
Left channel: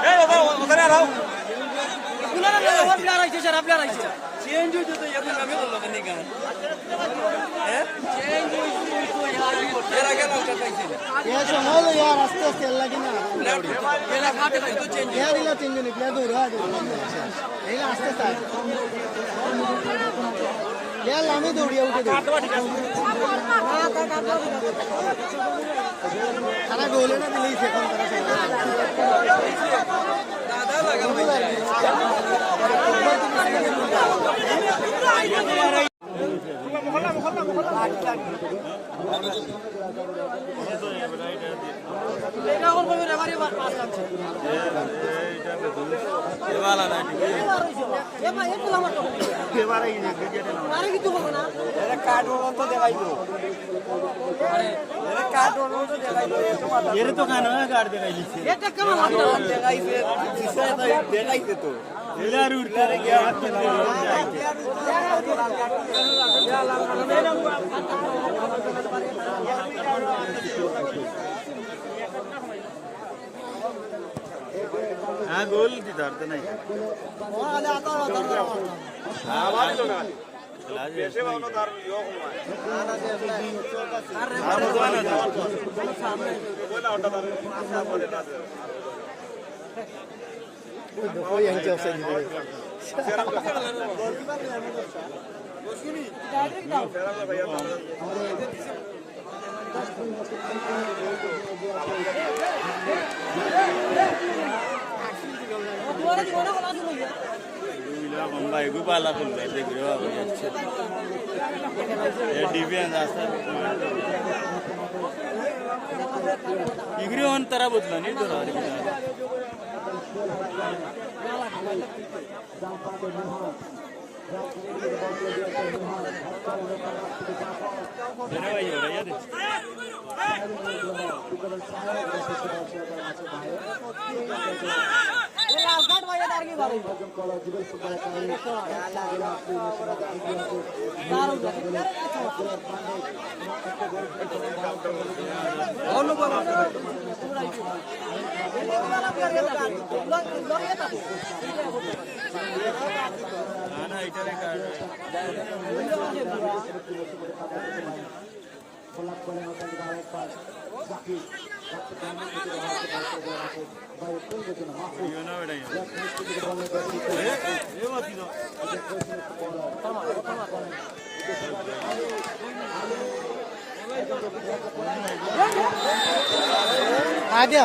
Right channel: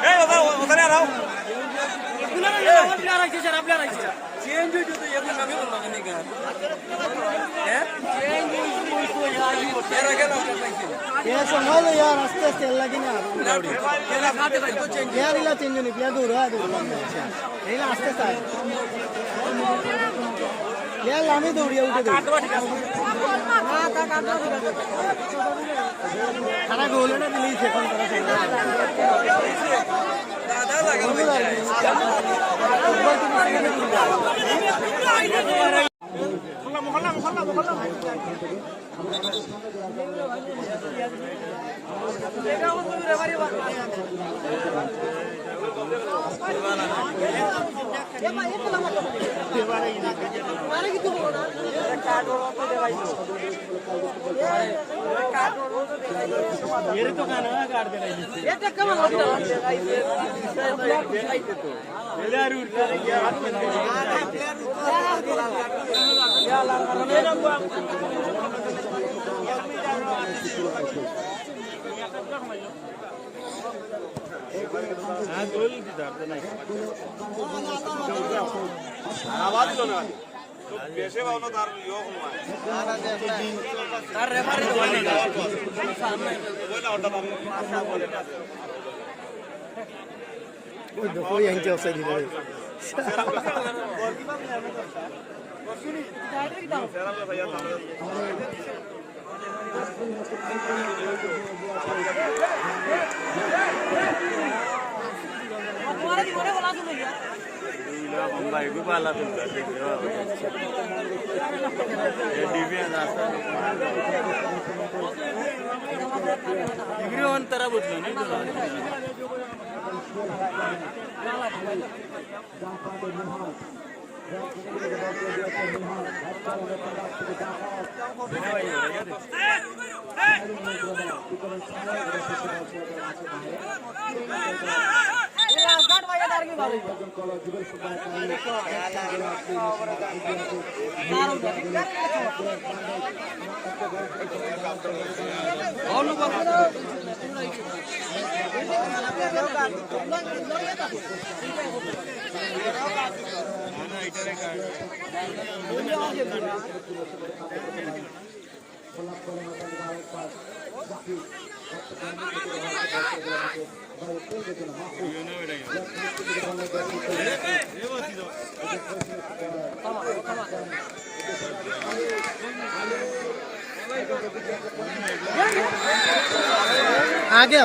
Hey, change हो तो ये कमी कर लो नहीं कर हैं change हो यार तेरा क्या लगता है ये सुनो लो यार आस्ते आस्ते लगी ना तेरा खाते तो चेंज यार इला चेंज नहीं किया दूर है ये आस्ते आस्ते यार लामी दूर है उठे खाना बोले ना दिल्ली से कम करा दादा लगा ये तो कहना है काट देगा ये तो कम देगा तो यार उड़ता है क्या हाथ में हां गोल की धरते नहीं आवाज लगा पैसे वाला धर यो अरे बड़े वाले सामने बोला ऑर्डर बोले ना कोई यहीं से ऑफसाइड नहीं भाई भी पाला तुम घर देख रहे हो ये डिवियन रास्ता इग्री ऑन तरह बदला नहीं तो आ गया